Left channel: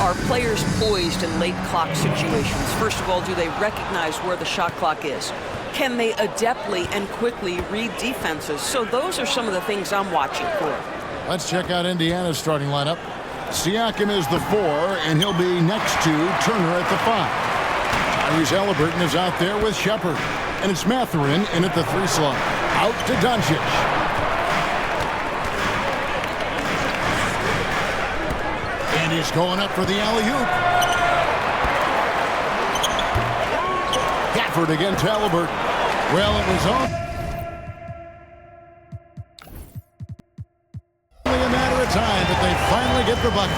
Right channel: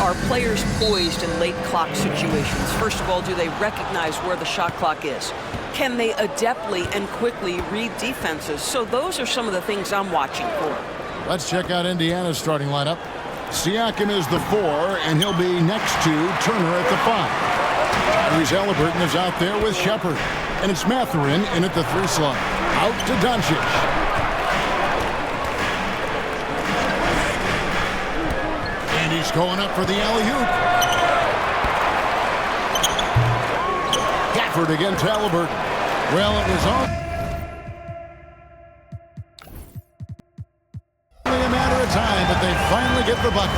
are players poised in late clock situations? First of all, do they recognize where the shot clock is? Can they adeptly and quickly read defenses? So those are some of the things I'm watching for. Let's check out Indiana's starting lineup. Siakam is the 4, and he'll be next to Turner at the 5. Tyrese Halliburton is out there with Shepard. And it's Matherin in at the 3 slot. Out to Doncic. And he's going up for the alley-oop. Gafford against Halliburton. Well, it was only a matter of time that they finally get the bucket.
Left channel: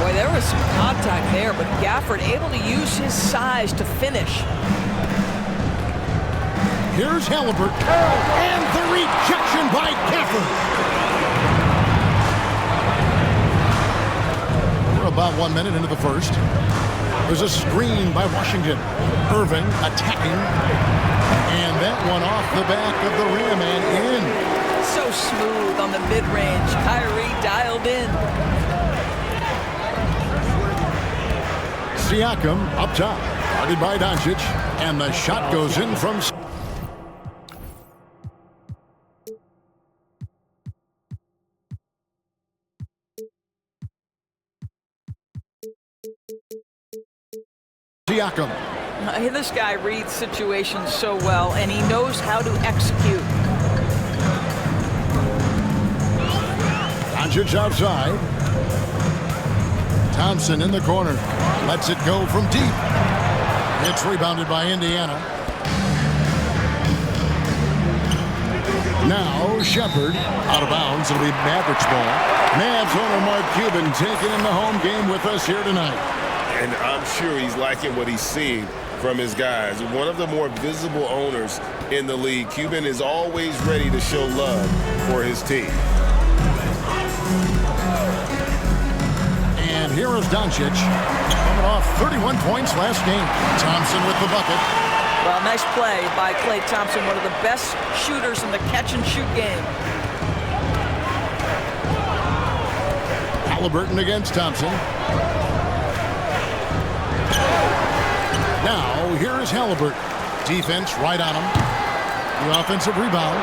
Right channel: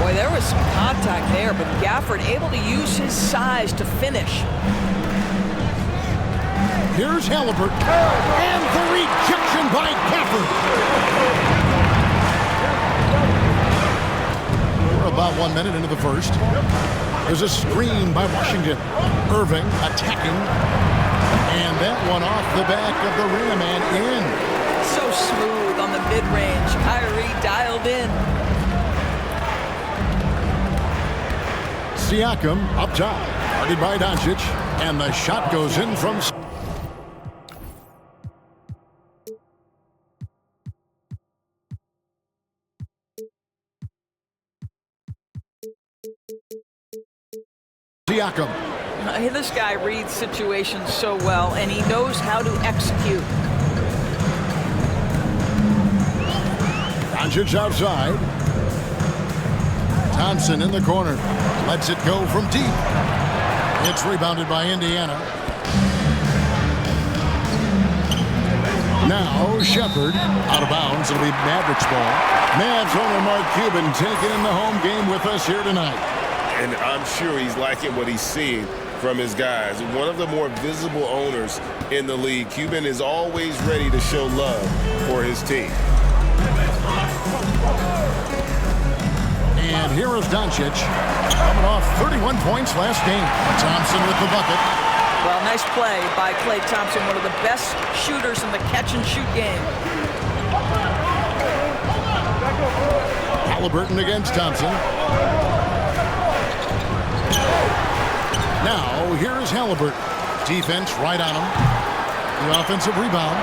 Boy, there was some contact there, but Gafford able to use his size to finish. Here's Halliburton. And the rejection by Gafford. We're about 1 minute into the first. There's a screen by Washington. Irving attacking. And that one off the back of the rim and in. So smooth on the mid-range. Kyrie dialed in. Siakam up top. Guarded by Doncic. And the shot goes in from Siakam. This guy reads situations so well, and he knows how to execute. Doncic outside. Thompson in the corner. Lets it go from deep. It's rebounded by Indiana. Now Shepard out of bounds. It'll be Mavericks ball. Mavs owner Mark Cuban taking in the home game with us here tonight. And I'm sure he's liking what he's seeing from his guys. One of the more visible owners in the league. Cuban is always ready to show love for his team. And here is Doncic coming off 31 points last game. Thompson with the bucket. Well, nice play by Klay Thompson, one of the best shooters in the catch-and-shoot game. Halliburton against Thompson. Now, here is Halliburton. Defense right on him. The offensive rebound.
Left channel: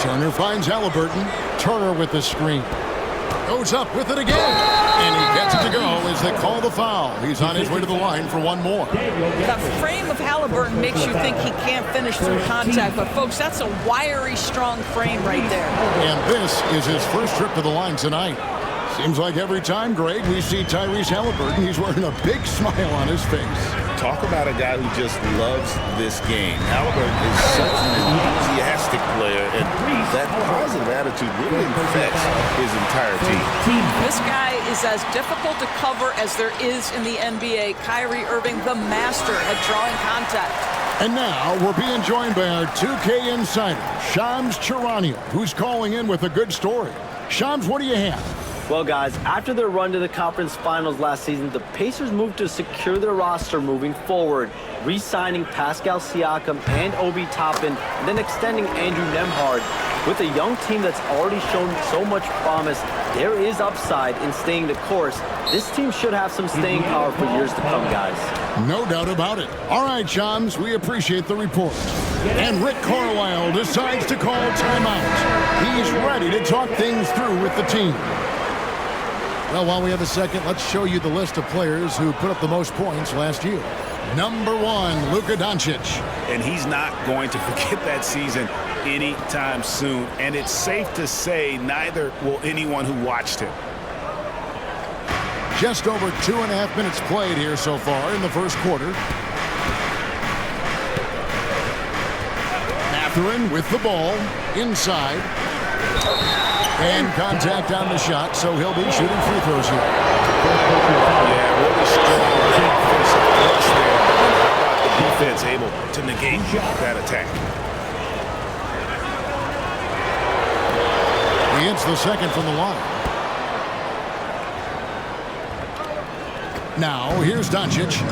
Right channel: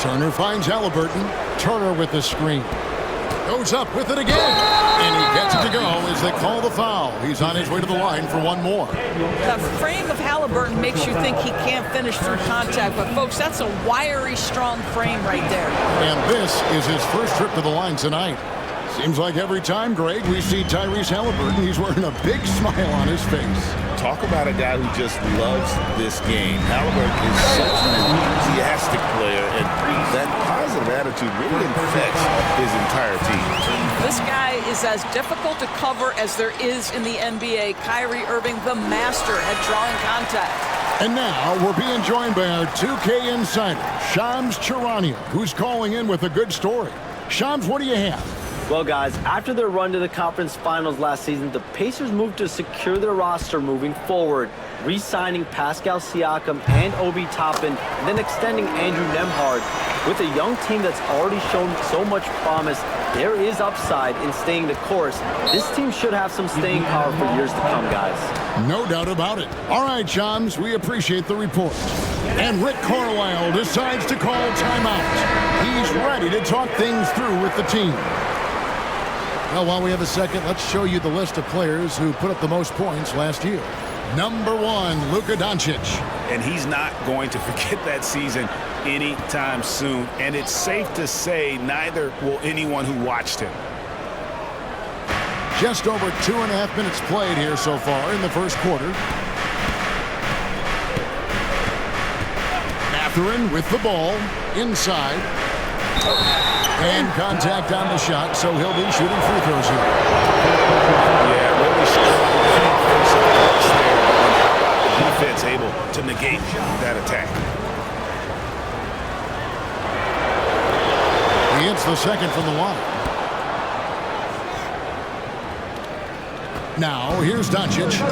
Turner finds Halliburton. Turner with the screen. Goes up with it again. And he gets it to go as they call the foul. He's on his way to the line for one more. The frame of Halliburton makes you think he can't finish through contact. But, folks, that's a wiry, strong frame right there. And this is his first trip to the line tonight. Seems like every time, Greg, we see Tyrese Halliburton, he's wearing a big smile on his face. Talk about a guy who just loves this game. Halliburton is such an enthusiastic player, and that positive attitude really infects his entire team. This guy is as difficult to cover as there is in the NBA. Kyrie Irving, the master at drawing contact. And now we're being joined by our 2K insider, Shams Charania, who's calling in with a good story. Shams, what do you have? Well, guys, after their run to the conference finals last season, the Pacers moved to secure their roster moving forward, re-signing Pascal Siakam and Obi Toppin, and then extending Andrew Nembhard. With a young team that's already shown so much promise, there is upside in staying the course. This team should have some staying power for years to come, guys. No doubt about it. All right, Shams, we appreciate the report. And Rick Carlisle decides to call timeout. He's ready to talk things through with the team. Well, while we have a second, let's show you the list of players who put up the most points last year. Number 1, Luka Doncic. And he's not going to forget that season anytime soon. And it's safe to say neither will anyone who watched him. Just over 2.5 minutes played here so far in the first quarter. Matherin with the ball inside. And contact on the shot, so he'll be shooting free throws here. Yeah, really strong offensive thrust there. And how about the defense able to negate that attack? He hits the second from the line. Now, here's Doncic.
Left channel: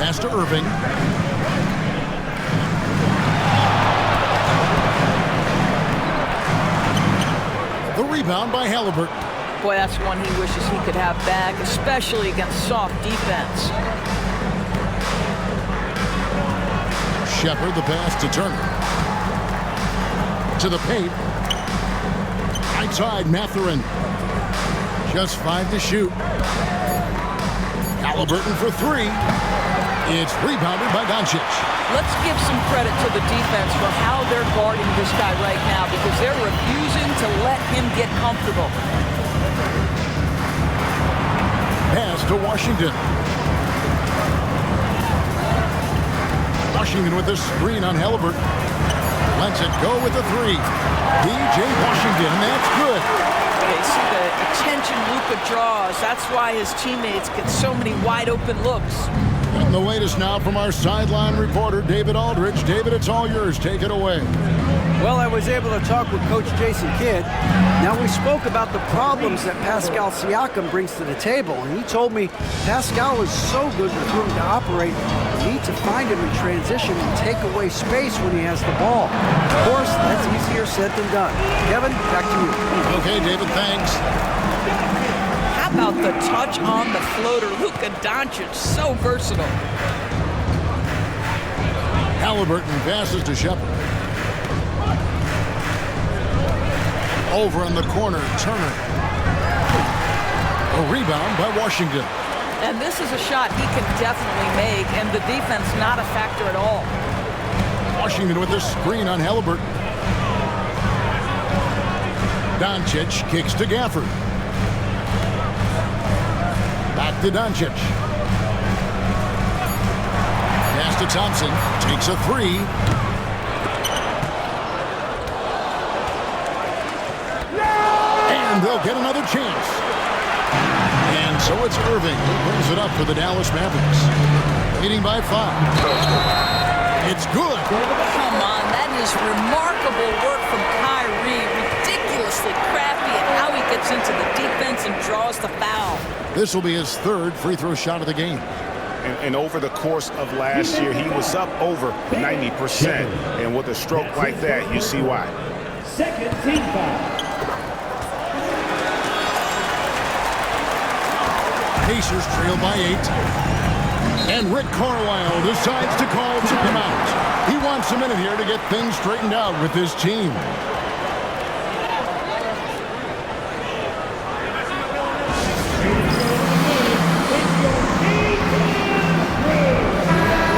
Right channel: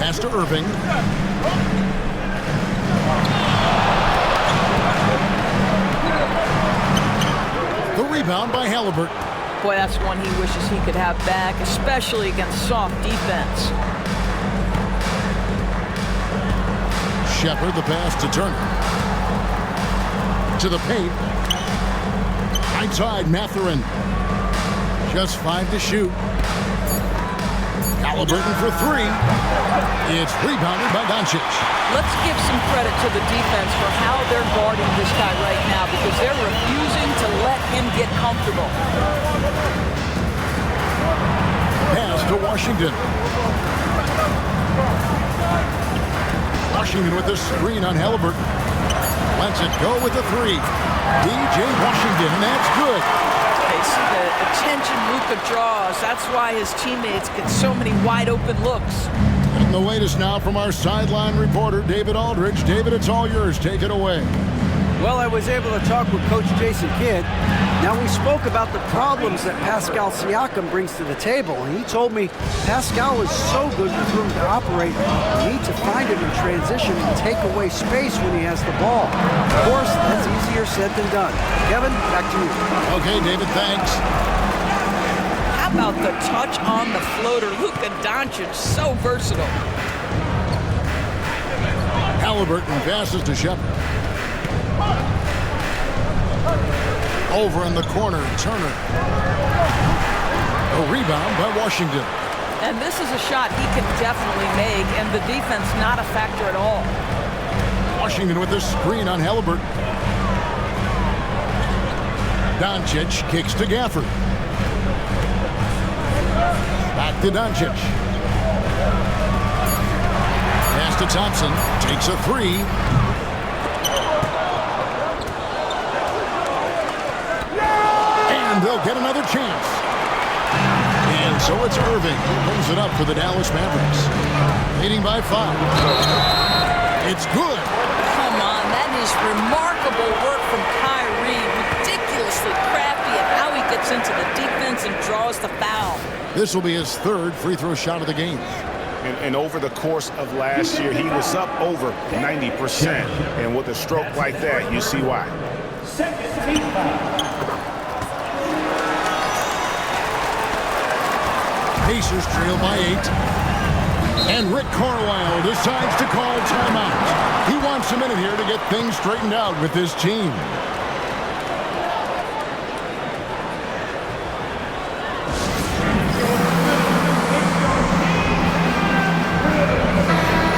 Pass to Irving. rebound by Halliburton. Boy, that's one he wishes he could have back, especially against soft defense. Shepard, the pass to Turner. To the paint. Right side, Matherin. Just 5 to shoot. Halliburton for 3. It's rebounded by Doncic. Let's give some credit to the defense for how they're guarding this guy right now, because they're refusing to let him get comfortable. Pass to Washington. Washington with the screen on Halliburton. Lets it go with the 3. DJ Washington, and that's good. They see the attention Luka draws. That's why his teammates get so many wide open looks. And the latest now from our sideline reporter, David Aldridge. David, it's all yours. Take it away. Well, I was able to talk with Coach Jason Kidd. Now, we spoke about the problems that Pascal Siakam brings to the table, and he told me Pascal is so good with room to operate, you need to find him in transition and take away space when he has the ball. Of course, that's easier said than done. Kevin, back to you. Okay, David, thanks. How about the touch on the floater? Luka Doncic, so versatile. Halliburton passes to Shepard. Over in the corner, Turner. A rebound by Washington. And this is a shot he can definitely make, and the defense not a factor at all. Washington with the screen on Halliburton. Doncic kicks to Gafford. Back to Doncic. Pass to Thompson. Takes a 3. And they'll get another chance. And so it's Irving who brings it up for the Dallas Mavericks. Leading by 5. It's good. Come on, that is remarkable work from Kyrie. Ridiculously crafty at how he gets into the defense and draws the foul. This will be his 3rd free throw shot of the game. And over the course of last year, he was up over 90%. And with a stroke like that, you see why. Second team foul. Pacers trail by 8. And Rick Carlisle decides to call timeout. He wants a minute here to get things straightened out with his team.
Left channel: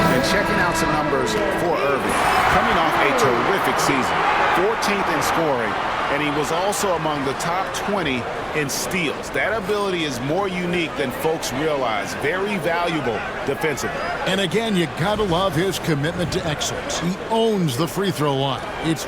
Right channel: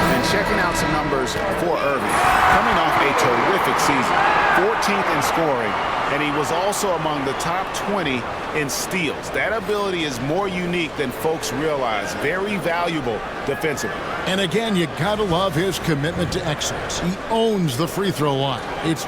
And checking out some numbers for Irving. Coming off a terrific season. 14th in scoring. And he was also among the top 20 in steals. That ability is more unique than folks realize. Very valuable defensively. And again, you gotta love his commitment to excellence. He owns the free throw line. It's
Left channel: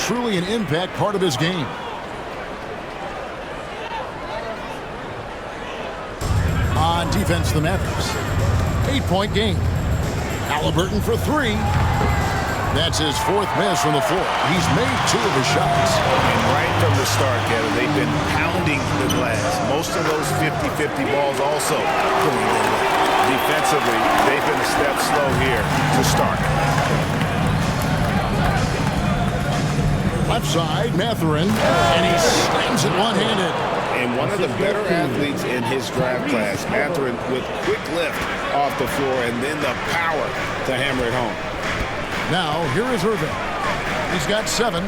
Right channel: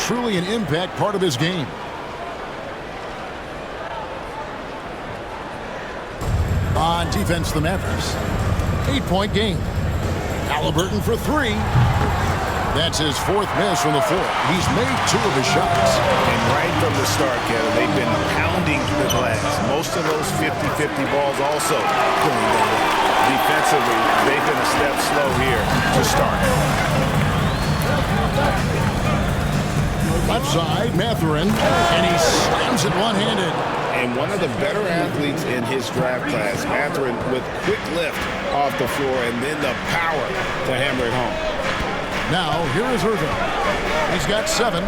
truly an impact part of his game. On defense, the Mavericks. 8-point game. Halliburton for 3. That's his 4th miss from the floor. He's made 2 of his shots. And right from the start, Kevin, they've been pounding the glass. Most of those 50-50 balls also going their way. Defensively, they've been a step slow here to start. Left side, Matherin, and he slams it one-handed. And one of the better athletes in his draft class, Matherin, with quick lift off the floor and then the power to hammer it home. Now, here is Irving. He's got 7.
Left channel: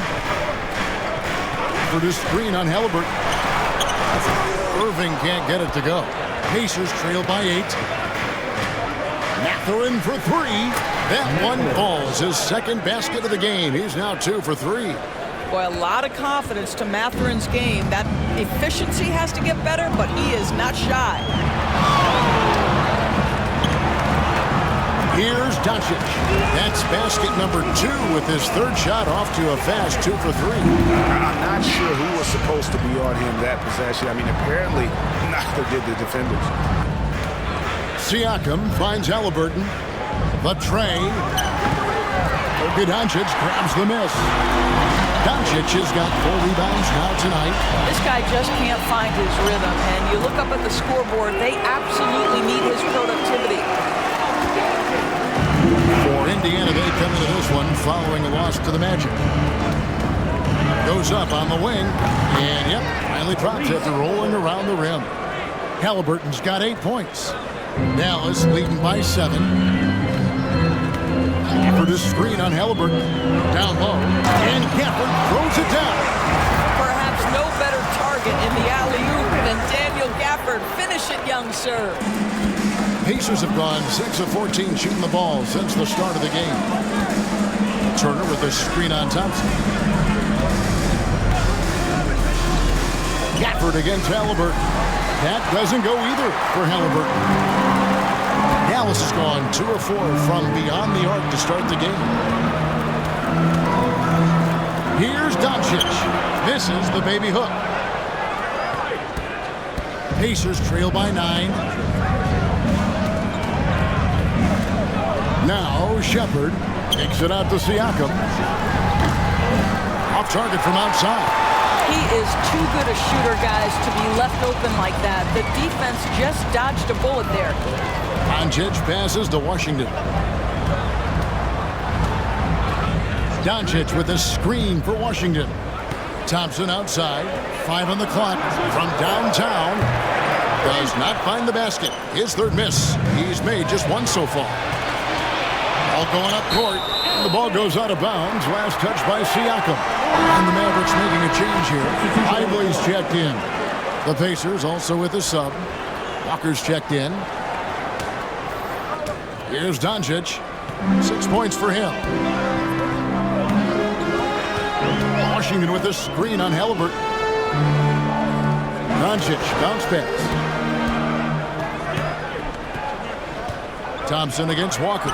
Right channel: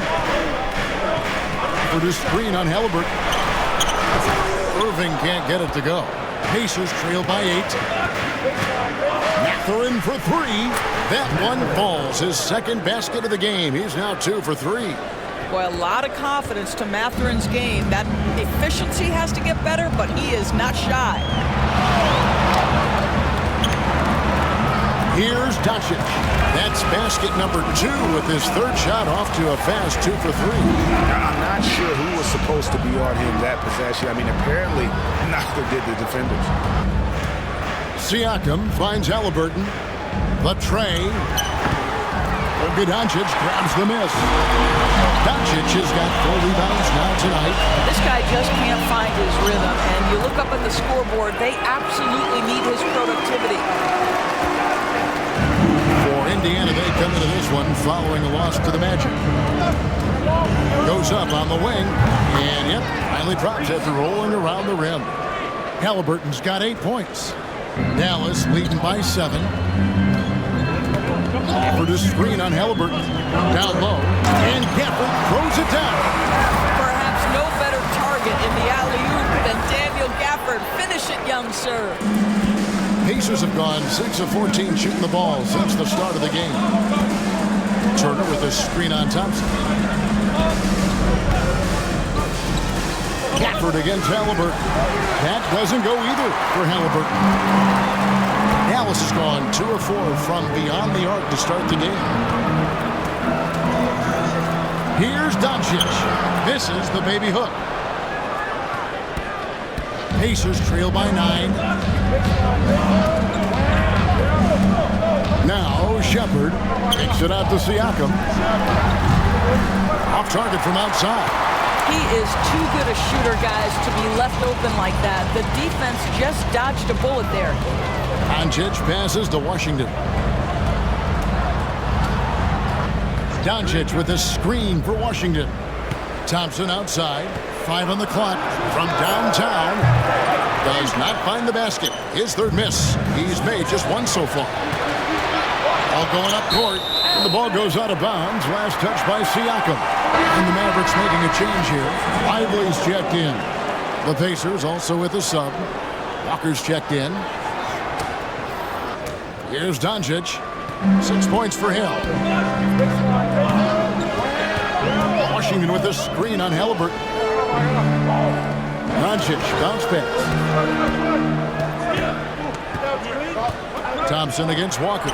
For the screen on Halliburton. Irving can't get it to go. Pacers trail by 8. Matherin for 3. That one falls. His 2nd basket of the game. He's now 2 for 3. Boy, a lot of confidence to Matherin's game. That efficiency has to get better, but he is not shy. Here's Doncic. That's basket number 2 with his third shot off to a fast 2 for 3. I'm not sure who was supposed to be on him that possession. I mean, apparently neither did the defenders. Siakam finds Halliburton. The tray. Doncic grabs the miss. Doncic has got 4 rebounds now tonight. This guy just can't find his rhythm, and you look up at the scoreboard, they absolutely need his productivity. For Indiana, they come into this one following a loss to the Magic. Goes up on the wing, and yep, finally drops after rolling around the rim. Halliburton's got 8 points. Dallas leading by 7. Gafford a screen on Halliburton. Down low, and Gafford throws it down. Perhaps no better target in the alley-oop than Daniel Gafford. Finish it, young sir. Pacers have gone 6 of 14 shooting the ball since the start of the game. Turner with a screen on Thompson. Gafford against Halliburton. That doesn't go either for Halliburton. Dallas has gone 2 of 4 from beyond the arc to start the game. Here's Doncic. Misses the baby hook. Pacers trail by 9. Now Shepard kicks it out to Siakam. Off target from outside. He is too good a shooter, guys, to be left open like that. The defense just dodged a bullet there. Doncic passes to Washington. Doncic with a screen for Washington. Thompson outside. 5 on the clock from downtown. Does not find the basket. His third miss. He's made just 1 so far. All going up court. And the ball goes out of bounds. Last touch by Siakam. And the Mavericks making a change here. Lively's checked in. The Pacers also with a sub. Walker's checked in. Here's Doncic. 6 points for him. Washington with a screen on Halliburton. Doncic bounce pass. Thompson against Walker.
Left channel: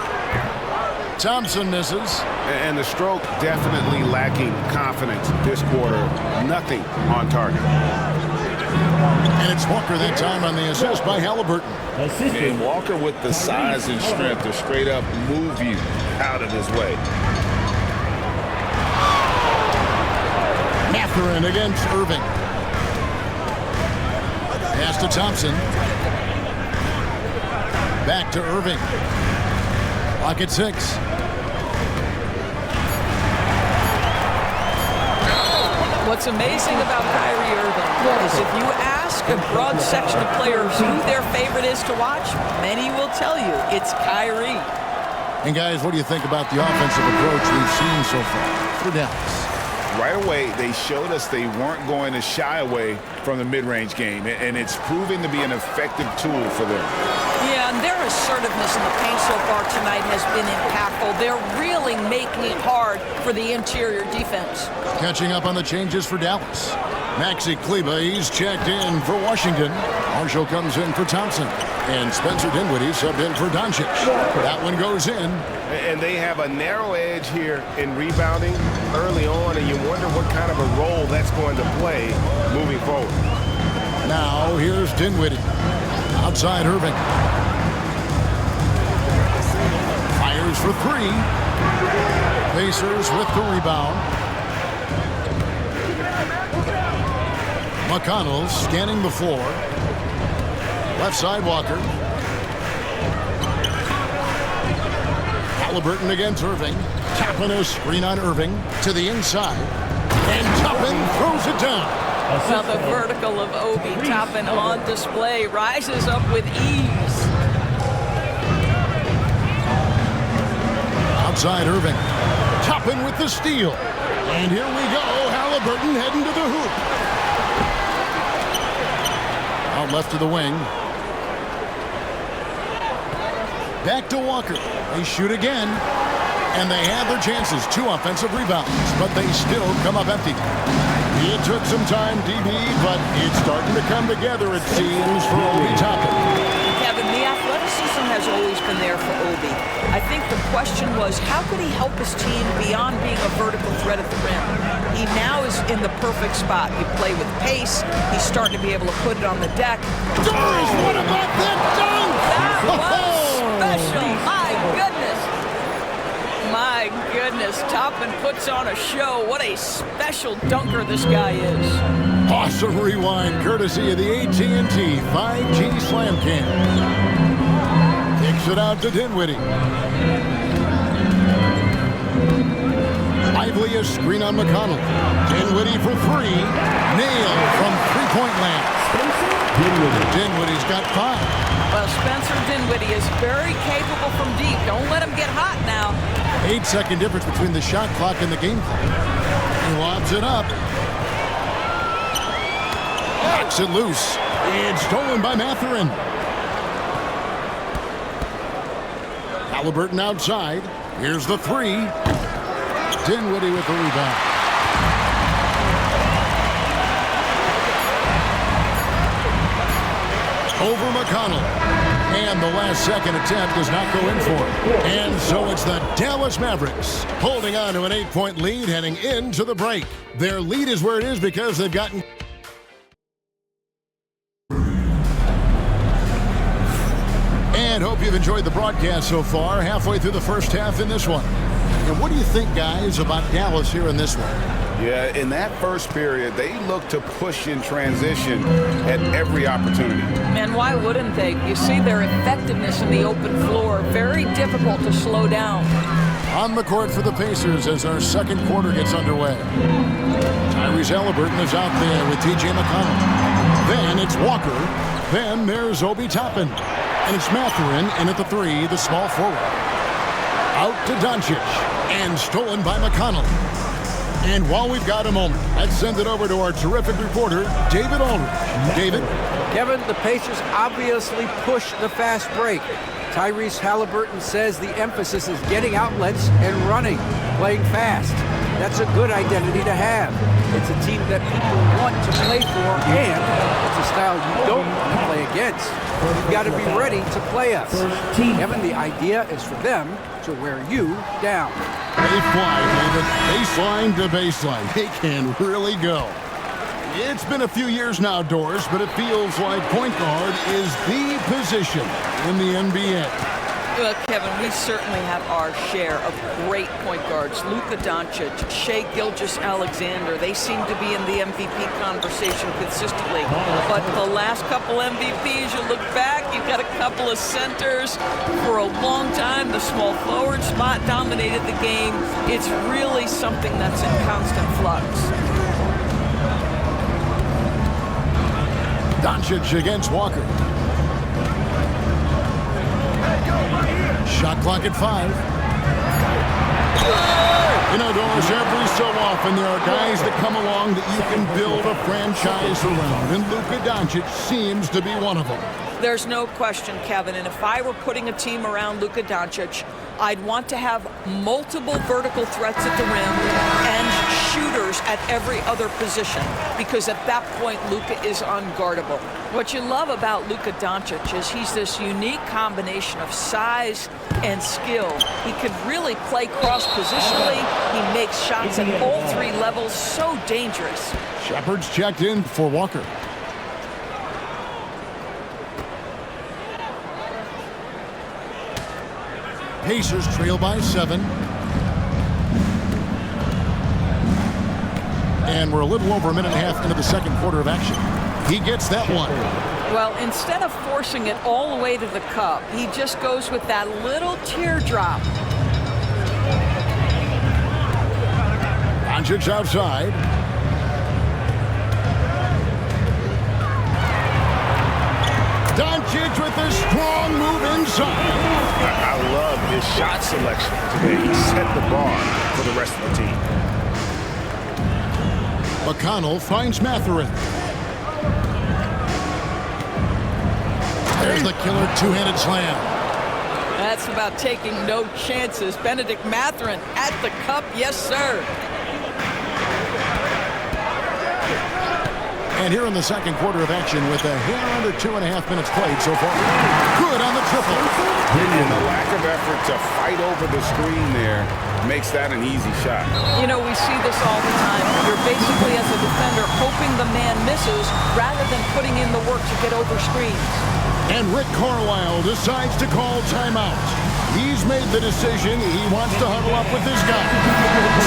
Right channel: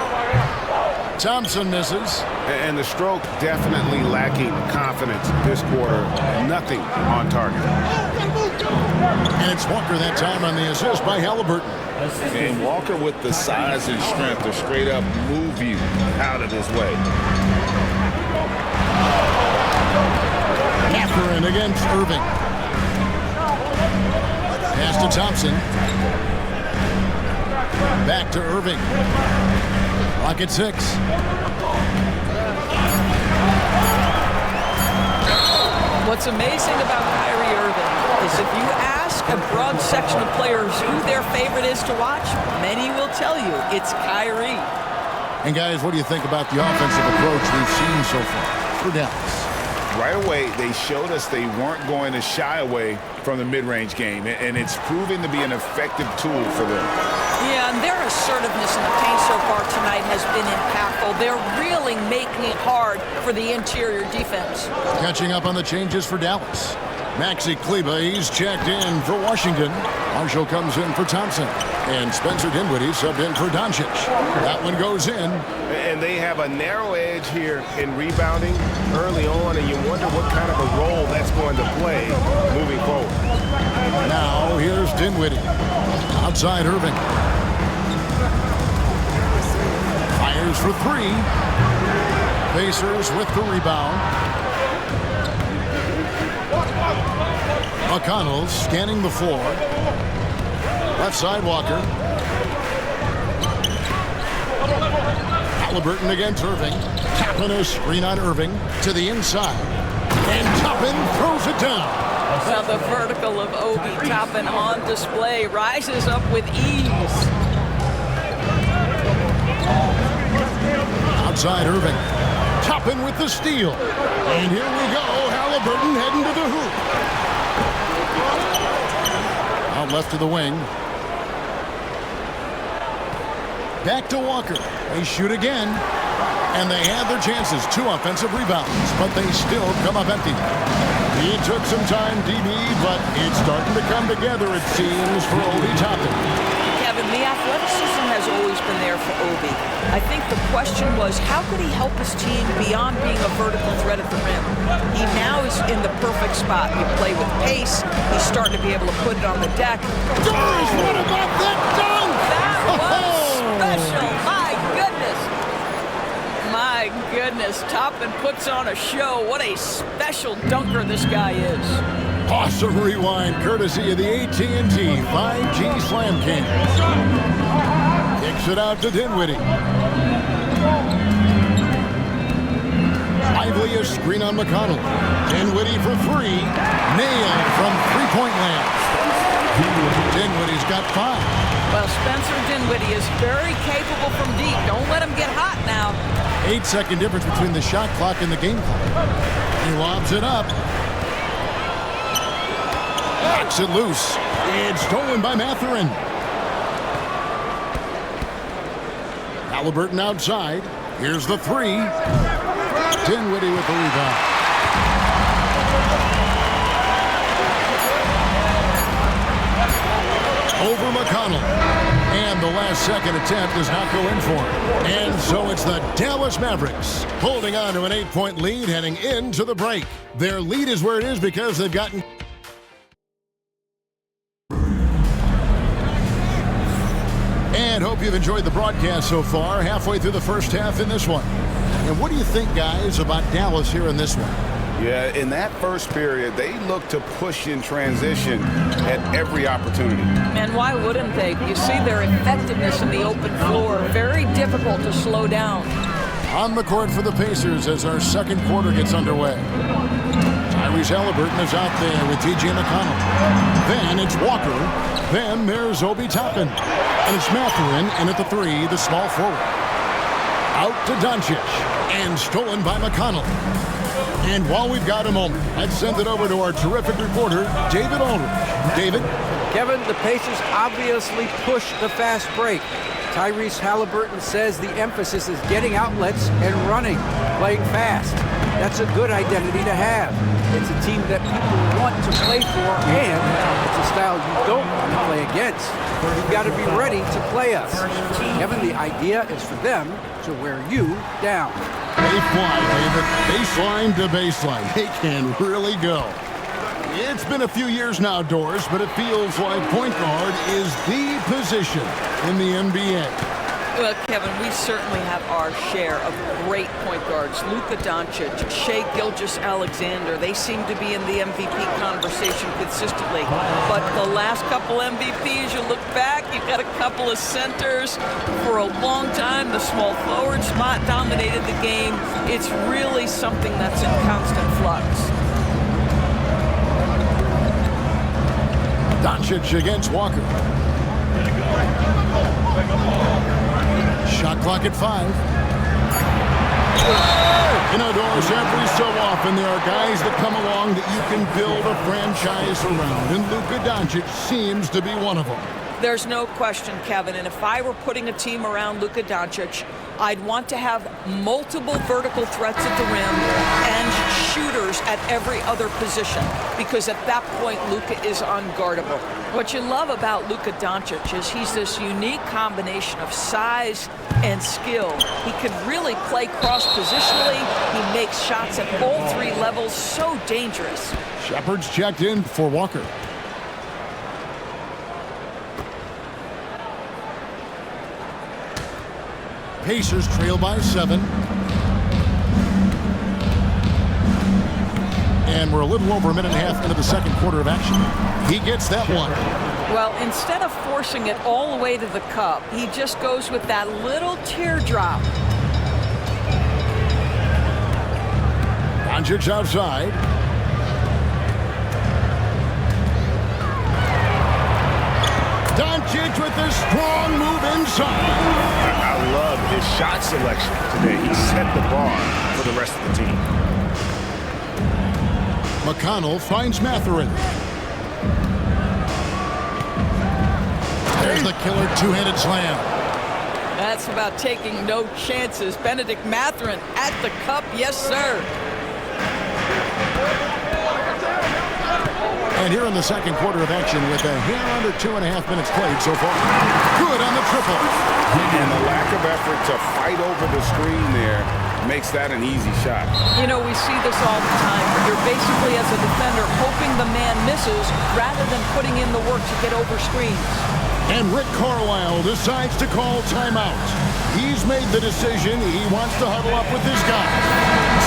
Thompson misses. And the stroke definitely lacking confidence this quarter. Nothing on target. And it's Walker that time on the assist by Halliburton. And Walker with the size and strength to straight up move you out of his way. Matherin against Irving. Pass to Thompson. Back to Irving. Clock at 6. What's amazing about Kyrie Irving is if you ask a broad section of players who their favorite is to watch, many will tell you it's Kyrie. And guys, what do you think about the offensive approach we've seen so far for Dallas? Right away, they showed us they weren't going to shy away from the mid-range game, and it's proving to be an effective tool for them. Yeah, and their assertiveness in the paint so far tonight has been impactful. They're really making it hard for the interior defense. Catching up on the changes for Dallas. Maxi Kleber, he's checked in for Washington. Marshall comes in for Thompson. And Spencer Dinwiddie subbed in for Doncic. That one goes in. And they have a narrow edge here in rebounding early on, and you wonder what kind of a role that's going to play moving forward. Now here's Dinwiddie. Outside Irving. Fires for 3. Pacers with the rebound. McConnell scanning the floor. Left side Walker. Halliburton against Irving. Toppin a screen on Irving to the inside. And Toppin throws it down. Well, the vertical of Obi Toppin on display rises up with ease. Outside Irving. Toppin with the steal. And here we go. Halliburton heading to the hoop. Out left to the wing. Back to Walker. They shoot again. And they had their chances, 2 offensive rebounds, but they still come up empty. It took some time, DB, but it's starting to come together, it seems, for Obi Toppin. Kevin, the athleticism has always been there for Obi. I think the question was, how could he help his team beyond being a vertical threat at the rim? He now is in the perfect spot. You play with pace. He's starting to be able to put it on the deck. Doris, what about that dunk? That was special. My goodness. My goodness. Toppin puts on a show. What a special dunker this guy is. Awesome rewind, courtesy of the AT&T 5G Slam Cam. Kicks it out to Dinwiddie. Lively a screen on McConnell. Dinwiddie for 3. Nail from three-point land. Dinwiddie's got 5. Well, Spencer Dinwiddie is very capable from deep. Don't let him get hot now. 8-second difference between the shot clock and the game clock. He lobs it up. Knocks it loose. It's stolen by Mathurin. Halliburton outside. Here's the 3. Dinwiddie with the rebound. Over McConnell. And the last-second attempt does not go in for him. And so it's the Dallas Mavericks holding on to an 8-point lead heading into the break. Their lead is where it is because they've gotten... And hope you've enjoyed the broadcast so far, halfway through the first half in this one. And what do you think, guys, about Dallas here in this one? Yeah, in that first period, they looked to push in transition at every opportunity. And why wouldn't they? You see their effectiveness in the open floor. Very difficult to slow down. On the court for the Pacers as our second quarter gets underway. Tyrese Halliburton is out there with T.J. McConnell. Then it's Walker. Then there's Obi Toppin. And it's Mathurin in at the 3, the small forward. Out to Doncic. And stolen by McConnell. And while we've got a moment, let's send it over to our terrific reporter, David Aldridge. David? Kevin, the Pacers obviously push the fast break. Tyrese Halliburton says the emphasis is getting outlets and running, playing fast. That's a good identity to have. It's a team that people want to play for, and it's a style you don't want to play against. You've got to be ready to play us. Kevin, the idea is for them to wear you down. They fly, David. Baseline to baseline. They can really go. It's been a few years now, Doris, but it feels like point guard is the position in the NBA. Well, Kevin, we certainly have our share of great point guards. Luka Doncic, Shai Gilgeous-Alexander, they seem to be in the MVP conversation consistently. But the last couple MVPs, you look back, you've got a couple of centers. For a long time, the small forward spot dominated the game. It's really something that's in constant flux. Doncic against Walker. Shot clock at 5. You know, Doris, every so often there are guys that come along that you can build a franchise around, and Luka Doncic seems to be one of them. There's no question, Kevin, and if I were putting a team around Luka Doncic, I'd want to have multiple vertical threats at the rim and shooters at every other position, because at that point, Luka is unguardable. What you love about Luka Doncic is he's this unique combination of size and skill. He can really play cross-positionally. He makes shots at all 3 levels, so dangerous. Shepard's checked in for Walker. Pacers trail by 7. And we're a little over a minute and a half into the second quarter of action. He gets that one. Well, instead of forcing it all the way to the cup, he just goes with that little teardrop. Doncic outside. Doncic with a strong move inside. I love his shot selection today. He set the bar for the rest of the team. McConnell finds Mathurin. There's the killer two-handed slam. That's about taking no chances. Benedict Mathurin at the cup. Yes, sir. And here in the second quarter of action with a hair under 2.5 minutes played so far. Good on the triple. And the lack of effort to fight over the screen there makes that an easy shot. You know, we see this all the time. You're basically, as a defender, hoping the man misses rather than putting in the work to get over screens. And Rick Carlisle decides to call timeout. He's made the decision. He wants to huddle up with his guy.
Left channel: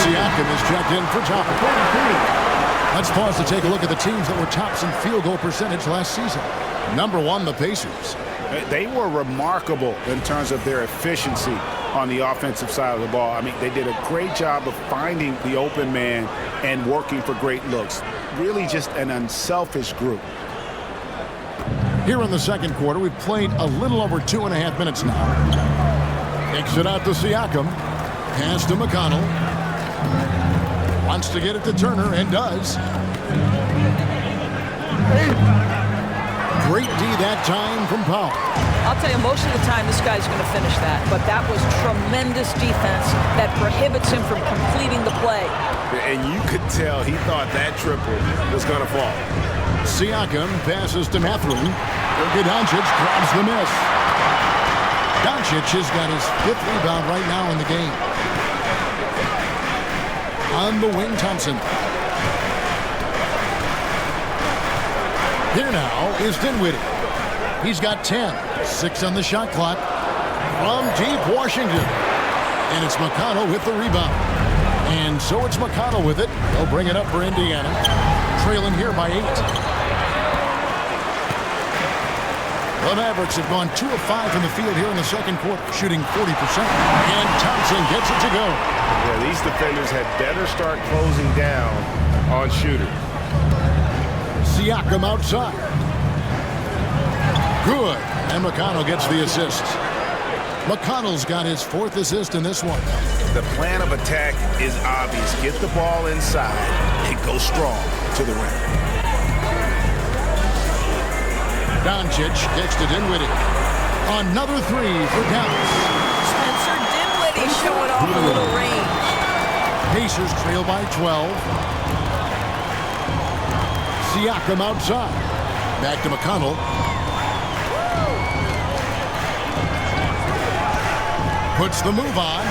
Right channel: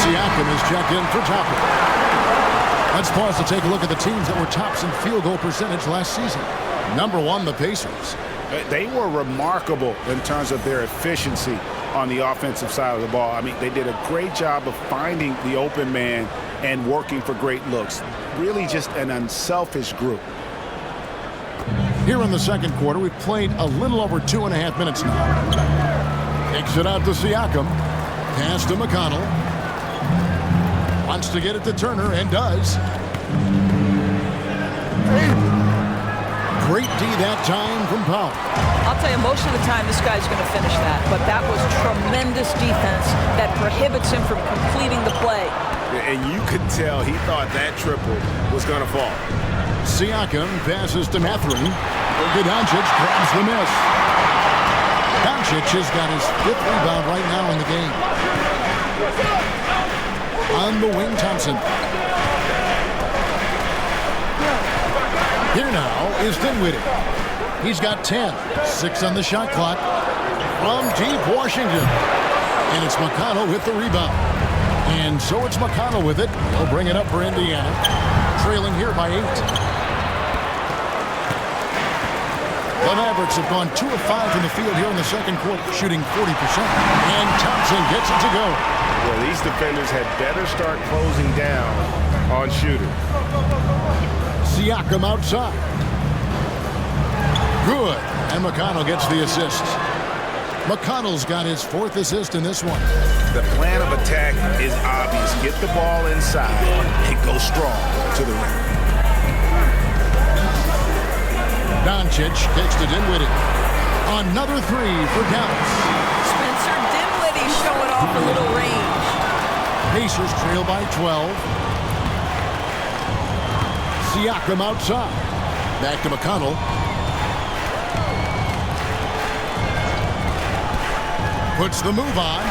Siakam is checked in for Topper. Let's pause to take a look at the teams that were tops in field goal percentage last season. Number 1, the Pacers. They were remarkable in terms of their efficiency on the offensive side of the ball. I mean, they did a great job of finding the open man and working for great looks. Really just an unselfish group. Here in the second quarter, we've played a little over 2.5 minutes now. Kicks it out to Siakam. Pass to McConnell. Wants to get it to Turner, and does. Great D that time from Powell. I'll tell you, most of the time this guy's going to finish that, but that was tremendous defense that prohibits him from completing the play. And you could tell he thought that triple was going to fall. Siakam passes to Mathurin. Doncic grabs the miss. Doncic has got his 5th rebound right now in the game. On the wing, Thompson. Here now is Dinwiddie. He's got 10. 6 on the shot clock. From deep Washington. And it's McConnell with the rebound. And so it's McConnell with it. He'll bring it up for Indiana. Trailing here by 8. The Mavericks have gone 2 of 5 from the field here in the second quarter, shooting 40%. And Thompson gets it to go. Yeah, these defenders had better start closing down on shooters. Siakam outside. Good. And McConnell gets the assist. McConnell's got his 4th assist in this one. The plan of attack is obvious. Get the ball inside and go strong to the rim. Doncic kicks to Dinwiddie. Another 3 for Dallas. Spencer Dinwiddie showing off a little range. Pacers trail by 12. Siakam outside. Back to McConnell. Puts the move on.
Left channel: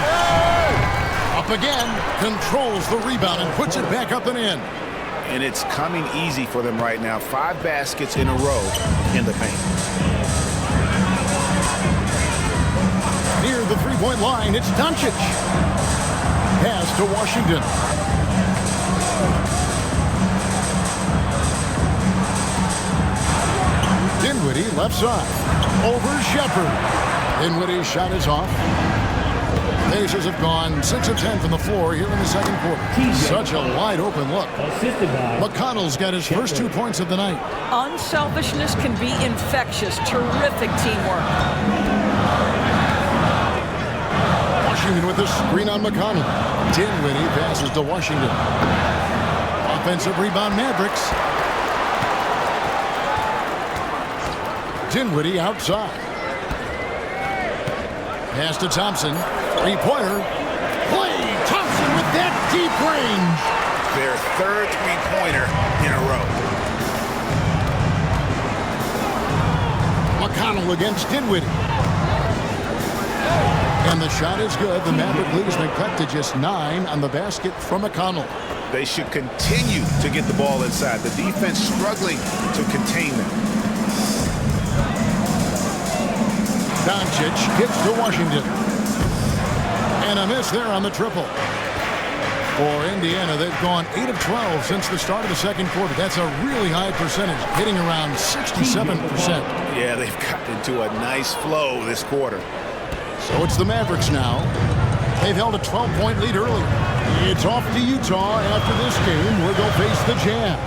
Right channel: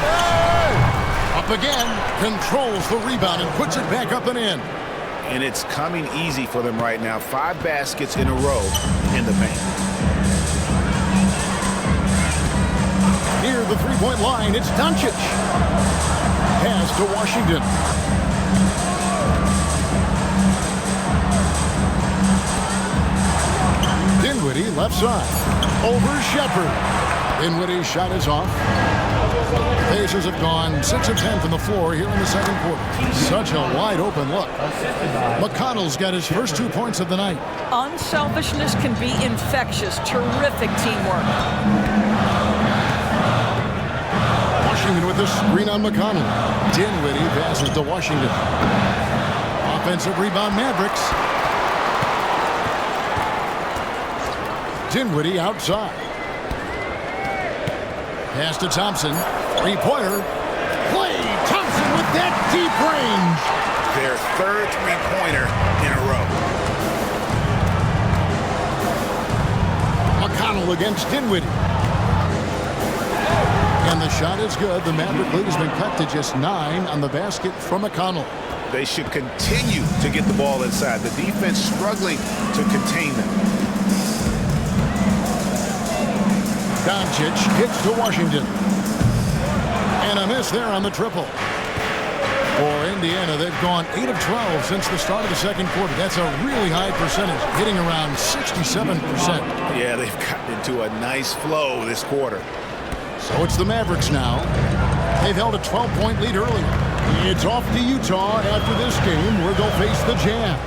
Up again. Controls the rebound and puts it back up and in. And it's coming easy for them right now. 5 baskets in a row in the paint. Near the three-point line, it's Doncic. Pass to Washington. Dinwiddie left side. Over Shepherd. Dinwiddie's shot is off. Pacers have gone 6 of 10 from the floor here in the second quarter. Such a wide open look. McConnell's got his first 2 points of the night. Unselfishness can be infectious. Terrific teamwork. Washington with the screen on McConnell. Dinwiddie passes to Washington. Offensive rebound, Mavericks. Dinwiddie outside. Pass to Thompson. Three-pointer. Klay Thompson with that deep range. Their 3rd three-pointer in a row. McConnell against Dinwiddie. And the shot is good. The Maverick lead has been cut to just 9 on the basket from McConnell. They should continue to get the ball inside. The defense struggling to contain them. Doncic kicks to Washington. And a miss there on the triple. For Indiana, they've gone 8 of 12 since the start of the second quarter. That's a really high percentage, hitting around 67%. Yeah, they've gotten into a nice flow this quarter. So it's the Mavericks now. They've held a 12-point lead earlier. It's off to Utah after this game where they'll face the Jazz.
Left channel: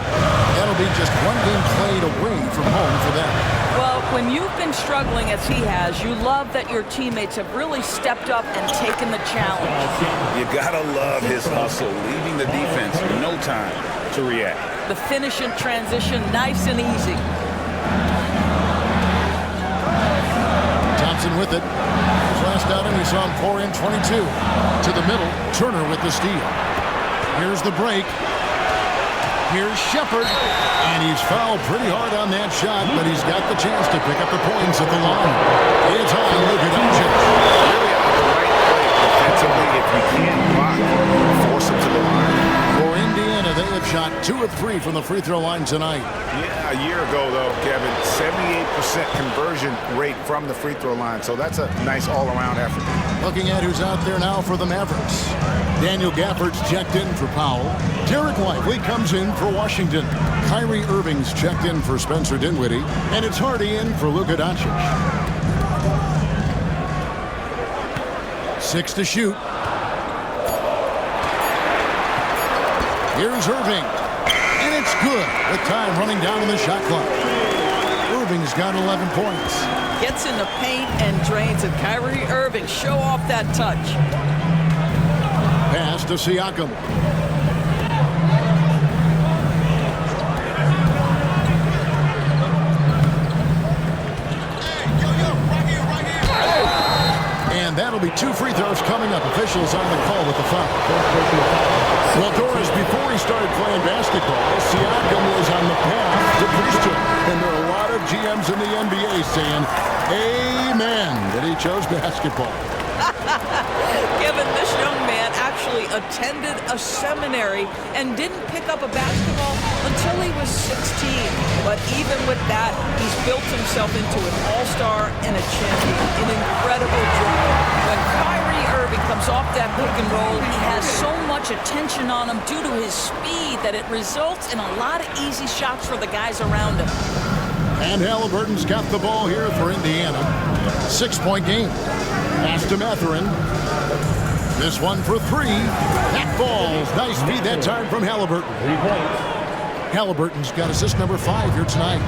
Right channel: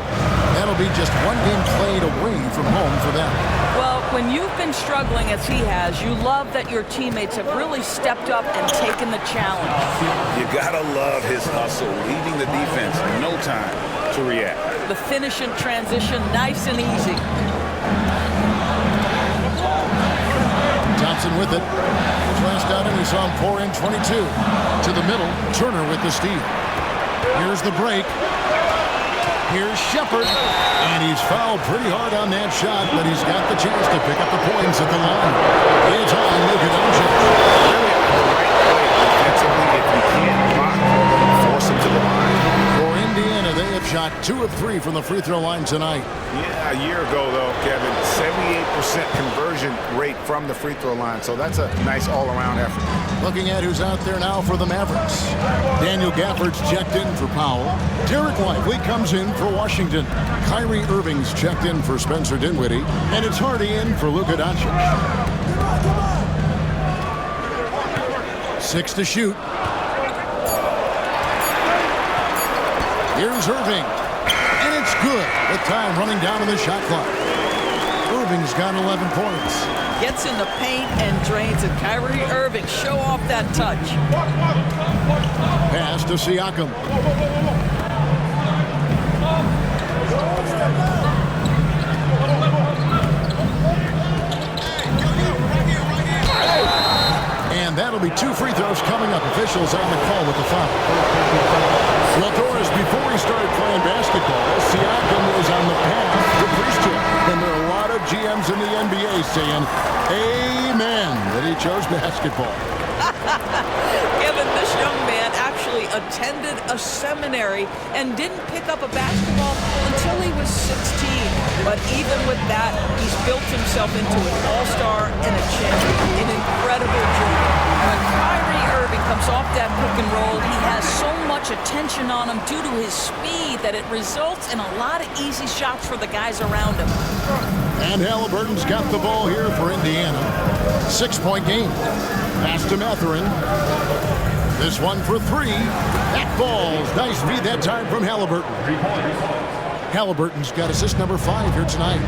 That'll be just 1 game played away from home for them. Well, when you've been struggling as he has, you love that your teammates have really stepped up and taken the challenge. You gotta love his hustle, leaving the defense no time to react. The finish in transition, nice and easy. Thompson with it. last outing, we saw him pour in 22. To the middle, Turner with the steal. Here's the break. Here's Shepard. And he's fouled pretty hard on that shot, but he's got the chance to pick up the points at the line. It's on Luka Doncic. Really the right play defensively. If you can't block, force him to the line. For Indiana, they have shot 2 of 3 from the free throw line tonight. Yeah, a year ago, though, Kevin, 78% conversion rate from the free throw line. So that's a nice all-around effort. Looking at who's out there now for the Mavericks. Daniel Gafford's checked in for Powell. Derek Lively comes in for Washington. Kyrie Irving's checked in for Spencer Dinwiddie. And it's Hardy in for Luka Doncic. 6 to shoot. Here's Irving. And it's good with time running down in the shot clock. Irving's got 11 points. Gets in the paint and drains it. Kyrie Irving, show off that touch. Pass to Siakam. And that'll be 2 free throws coming up. Officials on the call with the foul. Well, Doris, before he started playing basketball, Siakam was on the path to priesthood. And there are a lot of GMs in the NBA saying, amen, that he chose basketball. Kevin, this young man actually attended a seminary and didn't pick up a basketball until he was 16. But even with that, he's built himself into an all-star and a champion. An incredible journey. When Kyrie Irving comes off that pick and roll, he has so much attention on him due to his speed that it results in a lot of easy shots for the guys around him. And Halliburton's got the ball here for Indiana. 6-point game. Pass to Mathurin. This one for 3. That falls. Nice feed that time from Halliburton. 3 points. Halliburton's got assist number 5 here tonight.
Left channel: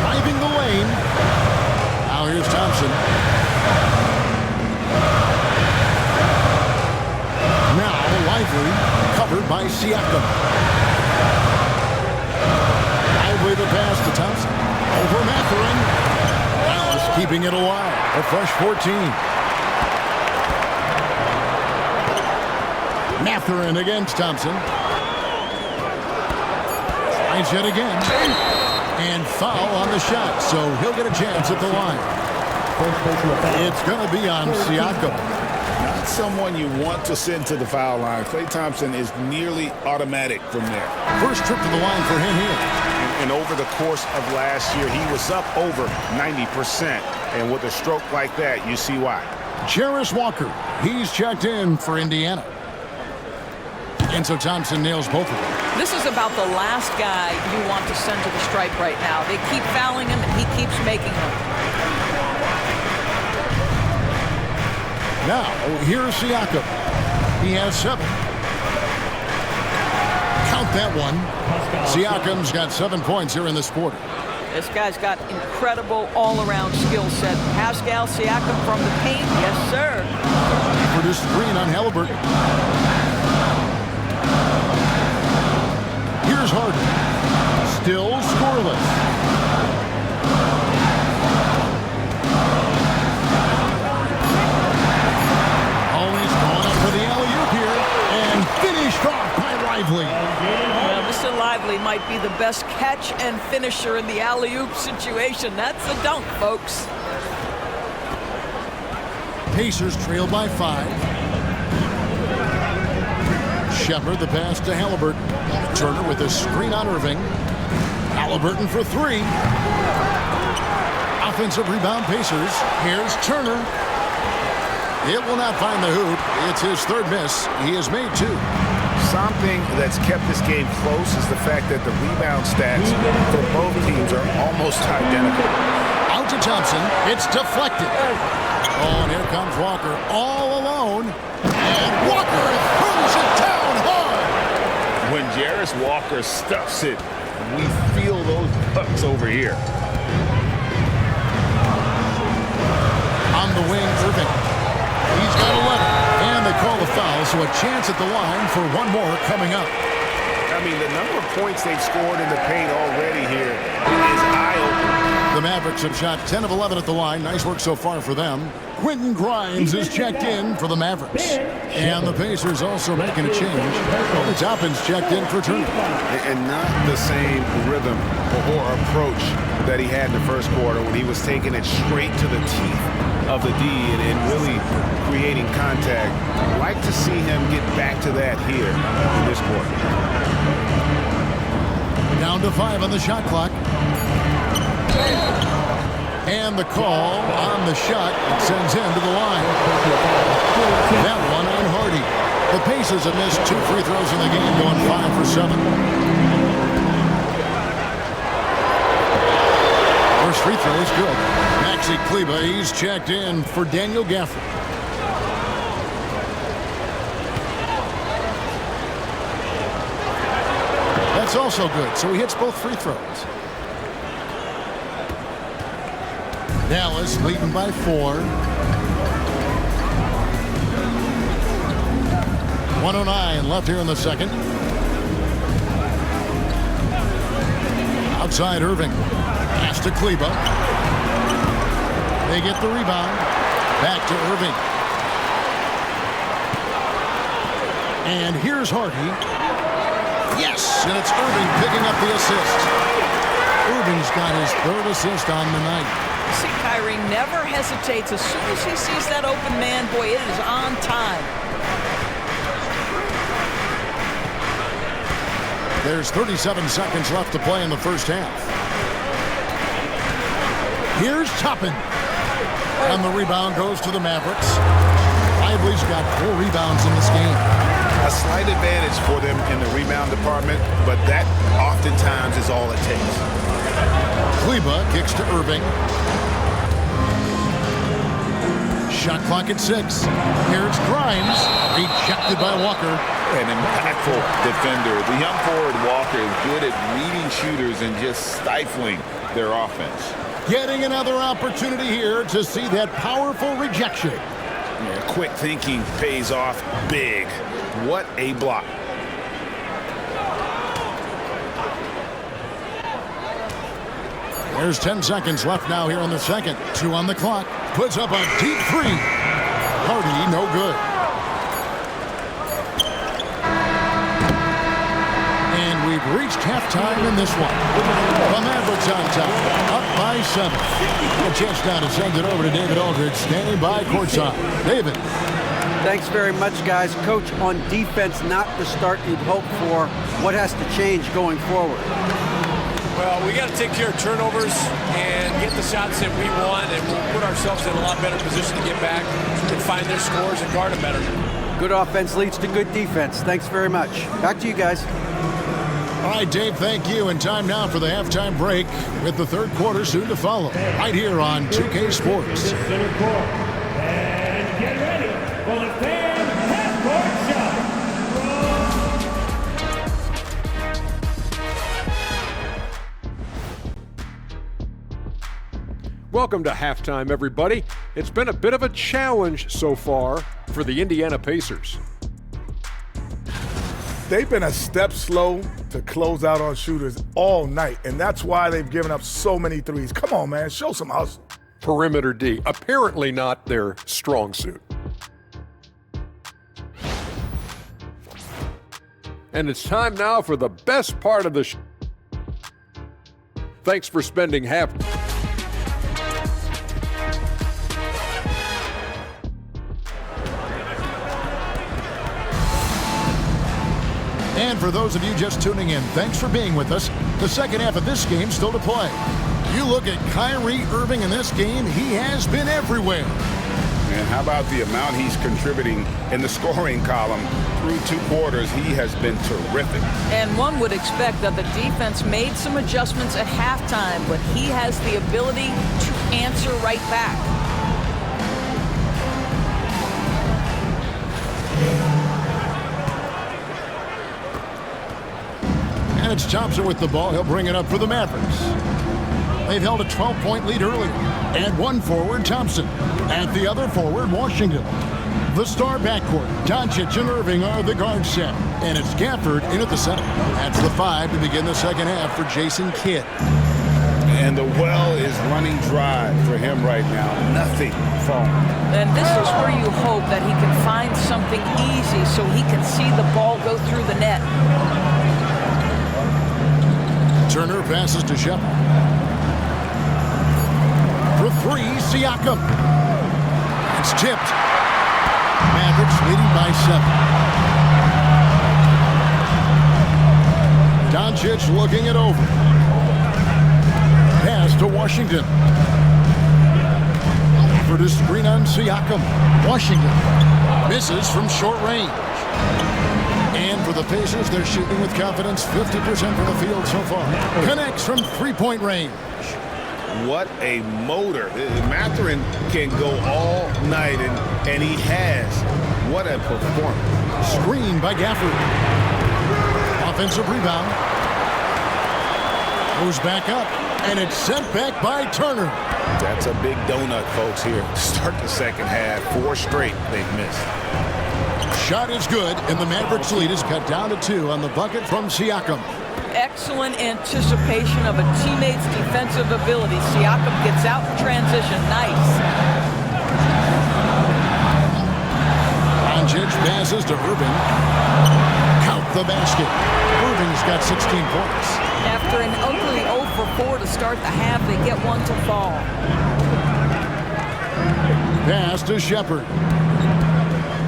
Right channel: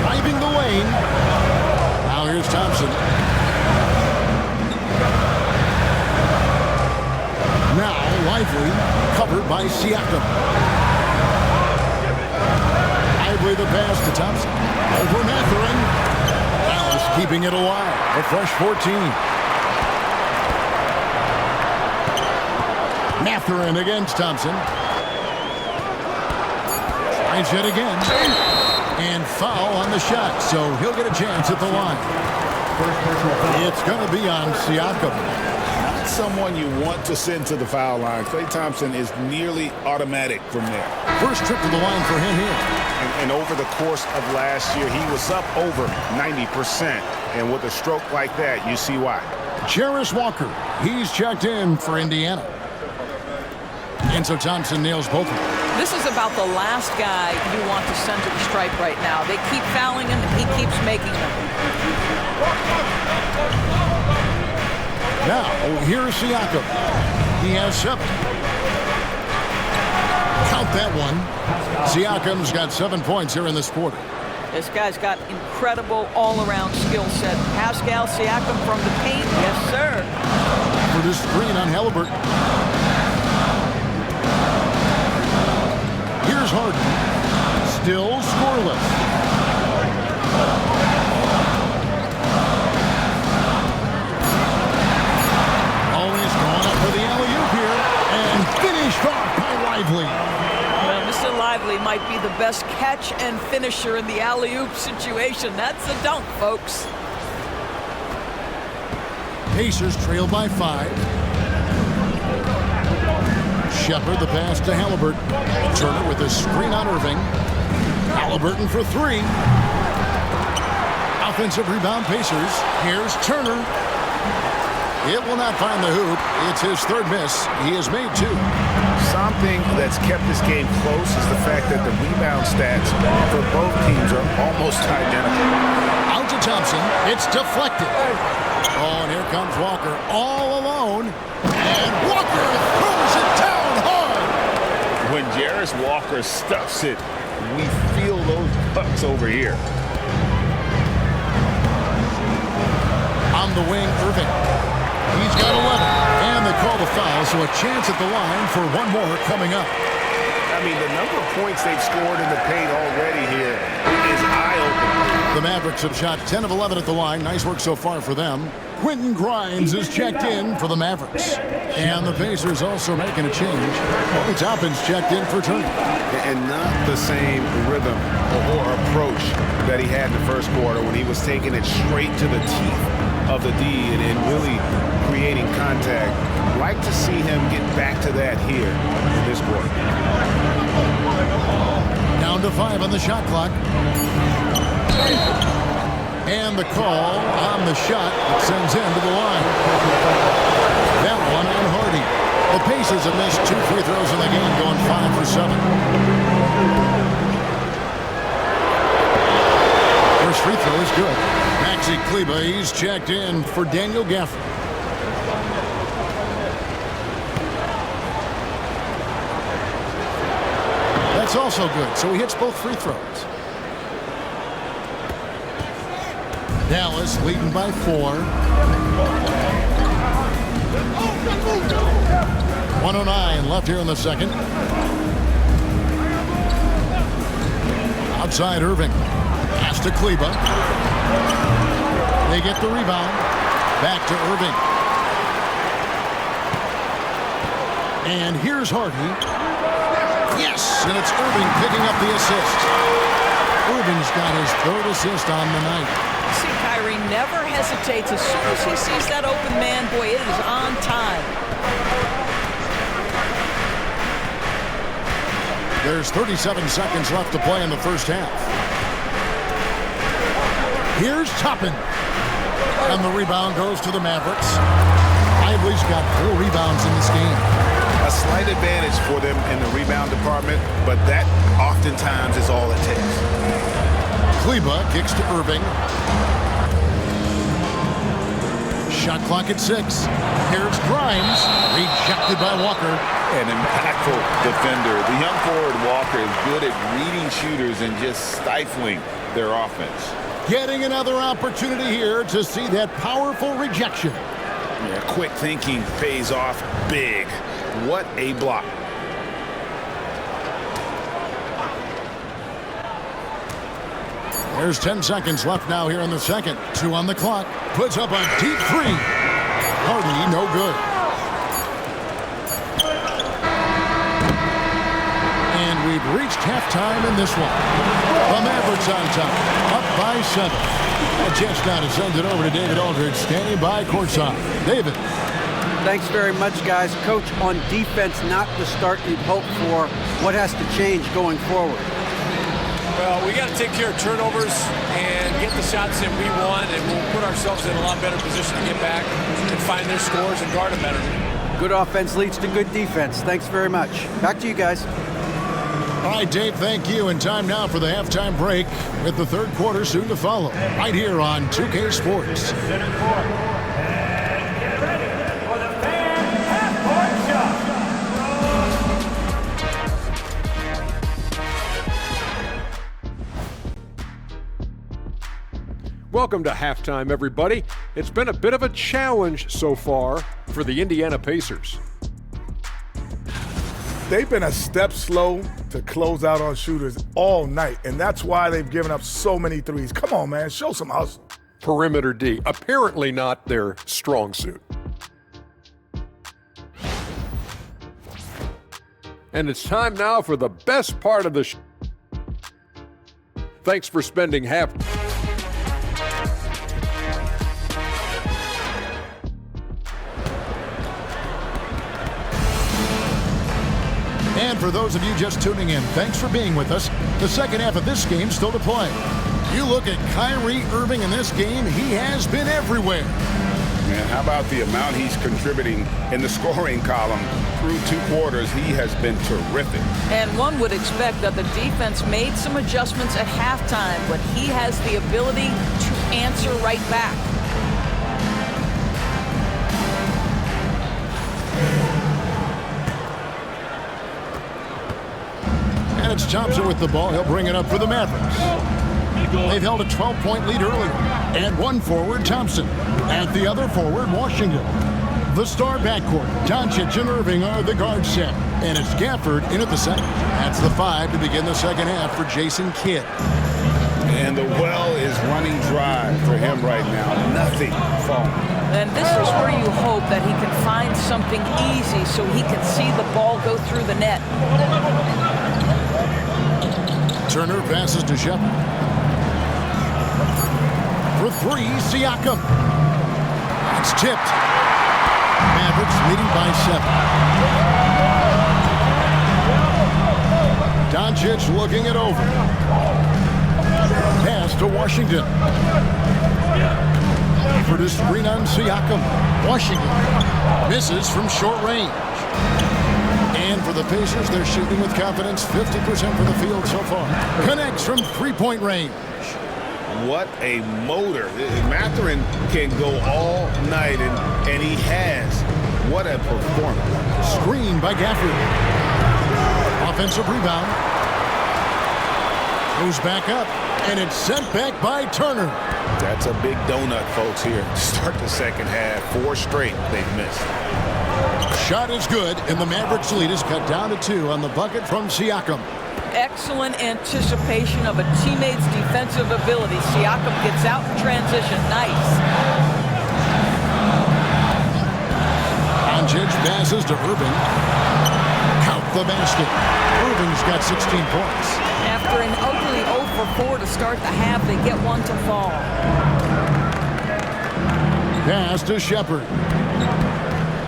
Driving the lane. Now here's Thompson. Now Lively, covered by Siakam. Lively the pass to Thompson. Over Mathurin. Dallas keeping it alive. A fresh 14. Mathurin against Thompson. Tries it again. And foul on the shot, so he'll get a chance at the line. It's going to be on Siakam. Not someone you want to send to the foul line. Klay Thompson is nearly automatic from there. First trip to the line for him here. And over the course of last year, he was up over 90%. And with a stroke like that, you see why. Jarris Walker, he's checked in for Indiana. And so Thompson nails both of them. This is about the last guy you want to send to the stripe right now. They keep fouling him, and he keeps making them. Now, here's Siakam. He has 7. Count that one. Siakam's got 7 points here in this quarter. This guy's got incredible all-around skill set. Pascal Siakam from the paint. Yes, sir. For the screen on Halliburton. Here's Harden. Still scoreless. Always going up for the alley-oop here. And finished off by Lively. Well, Mr. Lively might be the best catch and finisher in the alley-oop situation. That's a dunk, folks. Pacers trail by 5. Shepard the pass to Halliburton. Turner with a screen on Irving. Halliburton for 3. Offensive rebound Pacers. Here's Turner. It will not find the hoop. It's his 3rd miss. He has made 2. Something that's kept this game close is the fact that the rebound stats for both teams are almost identical. Out to Thompson. It's deflected. Oh, and here comes Walker all alone. And Walker throws it down hard. When Jarris Walker stuffs it, we feel those pucks over here. On the wing, Irving. He's got 11. And they call the foul, so a chance at the line for one more coming up. I mean, the number of points they've scored in the paint already here is eye-opening. The Mavericks have shot 10 of 11 at the line. Nice work so far for them. Quentin Grimes is checked in for the Mavericks. And the Pacers also making a change. Obi Toppin's checked in for Turner. And not the same rhythm or approach that he had in the first quarter when he was taking it straight to the teeth of the D and really creating contact. Like to see him get back to that here in this quarter. Down to 5 on the shot clock. And the call on the shot that sends him to the line. That one on Hardy. The Pacers have missed 2 free throws in the game, going 5 for 7. First free throw is good. Maxi Kleber, he's checked in for Daniel Gafford. That's also good, so he hits both free throws. Dallas leading by 4. 1:09 left here in the second. Outside Irving. Pass to Kleber. They get the rebound. Back to Irving. And here's Hardy. Yes, and it's Irving picking up the assist. Irving's got his 3rd assist on the night. See, Kyrie never hesitates. As soon as he sees that open man, boy, it is on time. There's 37 seconds left to play in the first half. Here's Toppin. And the rebound goes to the Mavericks. Lively's got 4 rebounds in this game. A slight advantage for them in the rebound department, but that oftentimes is all it takes. Kleber kicks to Irving. Shot clock at 6. Here's Grimes. Rejected by Walker. An impactful defender. The young forward Walker is good at reading shooters and just stifling their offense. Getting another opportunity here to see that powerful rejection. Yeah, quick thinking pays off big. What a block. There's 10 seconds left now here in the second. 2 on the clock. Puts up a deep 3. Hardy, no good. And we've reached halftime in this one. The Mavericks on top, up by 7. A chance now to send it over to David Aldridge, standing by courtside. David. Thanks very much, guys. Coach, on defense, not the start you'd hope for. What has to change going forward? Well, we got to take care of turnovers and get the shots that we want, and we'll put ourselves in a lot better position to get back and find their scores and guard them better. Good offense leads to good defense. Thanks very much. Back to you guys. All right, Dave, thank you. And time now for the halftime break with the third quarter soon to follow. Right here on 2K Sports. Center court. And get ready for the fan half-court shot. Welcome to halftime, everybody. It's been a bit of a challenge so far for the Indiana Pacers. They've been a step slow to close out on shooters all night, and that's why they've given up so many threes. Come on, man, show some hustle. Perimeter D, apparently not their strong suit. And it's time now for the best part of the show. Thanks for spending half. And for those of you just tuning in, thanks for being with us. The second half of this game still to play. You look at Kyrie Irving in this game, he has been everywhere. Man, how about the amount he's contributing in the scoring column? Through 2 quarters, he has been terrific. And one would expect that the defense made some adjustments at halftime, but he has the ability to answer right back. And it's Thompson with the ball. He'll bring it up for the Mavericks. They've held a 12-point lead earlier. And one forward, Thompson. At the other forward, Washington. The star backcourt, Doncic and Irving, are the guard set. And it's Gafford in at the center. That's the 5 to begin the second half for Jason Kidd. And the well is running dry for him right now. Nothing falling. And this is where you hope that he can find something easy so he can see the ball go through the net. Turner passes to Shepard. For 3, Siakam. It's tipped. Mavericks leading by 7. Doncic looking it over. Pass to Washington. For the screen on Siakam. Washington misses from short range. And for the Pacers, they're shooting with confidence, 50% from the field so far. Connects from three-point range. What a motor. Mathurin can go all night, and he has. What a performance. Screen by Gafford. Offensive rebound. Goes back up, and it's sent back by Turner. That's a big donut, folks, here to start the second half. 4 straight they've missed. Shot is good, and the Mavericks lead is cut down to 2 on the bucket from Siakam. Excellent anticipation of a teammate's defensive ability. Siakam gets out in transition. Nice. Doncic passes to Irving. Count the basket. Irving's got 16 points. After an ugly 0 for 4 to start the half, they get one to fall. Pass to Shepard.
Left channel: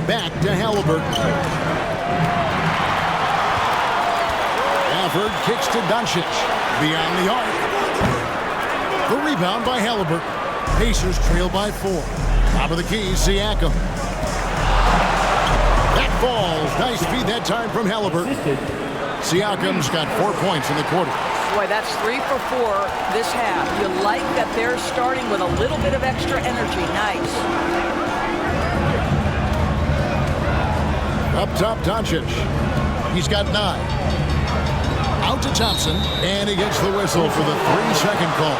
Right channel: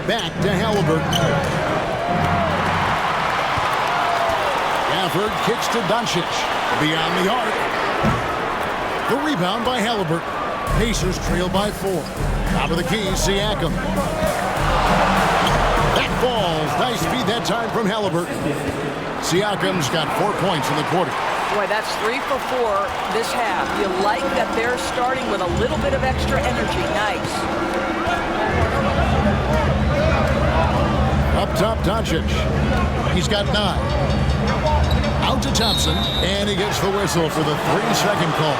Back to Halliburton. Gafford kicks to Doncic. Beyond the arc. The rebound by Halliburton. Pacers trail by 4. Top of the key, Siakam. That falls. Nice feed that time from Halliburton. Siakam's got 4 points in the quarter. Boy, that's 3 for 4 this half. You like that they're starting with a little bit of extra energy. Nice. Up top, Doncic. He's got 9. Out to Thompson, and he gets the whistle for the 3-second call.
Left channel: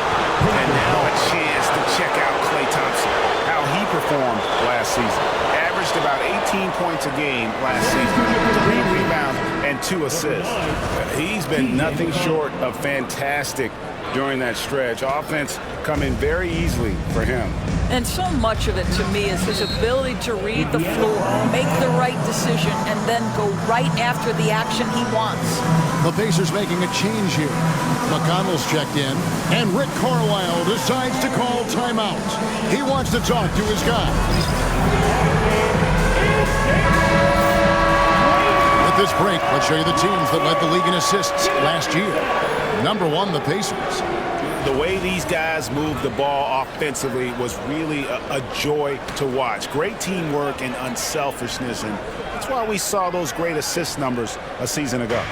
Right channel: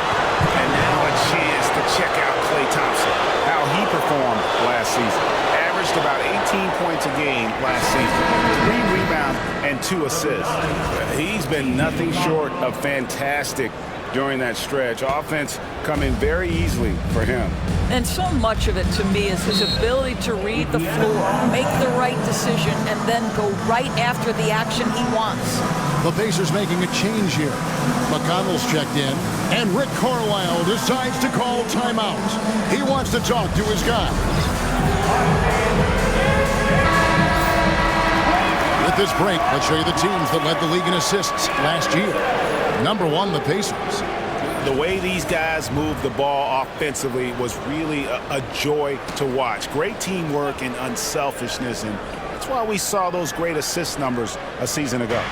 And now a chance to check out Klay Thompson, how he performed last season. Averaged about 18 points a game last season, 3 rebounds and 2 assists. He's been nothing short of fantastic during that stretch. Offense coming very easily for him. And so much of it, to me, is his ability to read the floor, make the right decision, and then go right after the action he wants. The Pacers making a change here. McConnell's checked in, and Rick Carlisle decides to call timeout. He wants to talk to his guys. With this break, let's show you the teams that led the league in assists last year. Number 1, the Pacers. The way these guys moved the ball offensively was really a joy to watch. Great teamwork and unselfishness, and that's why we saw those great assist numbers a season ago.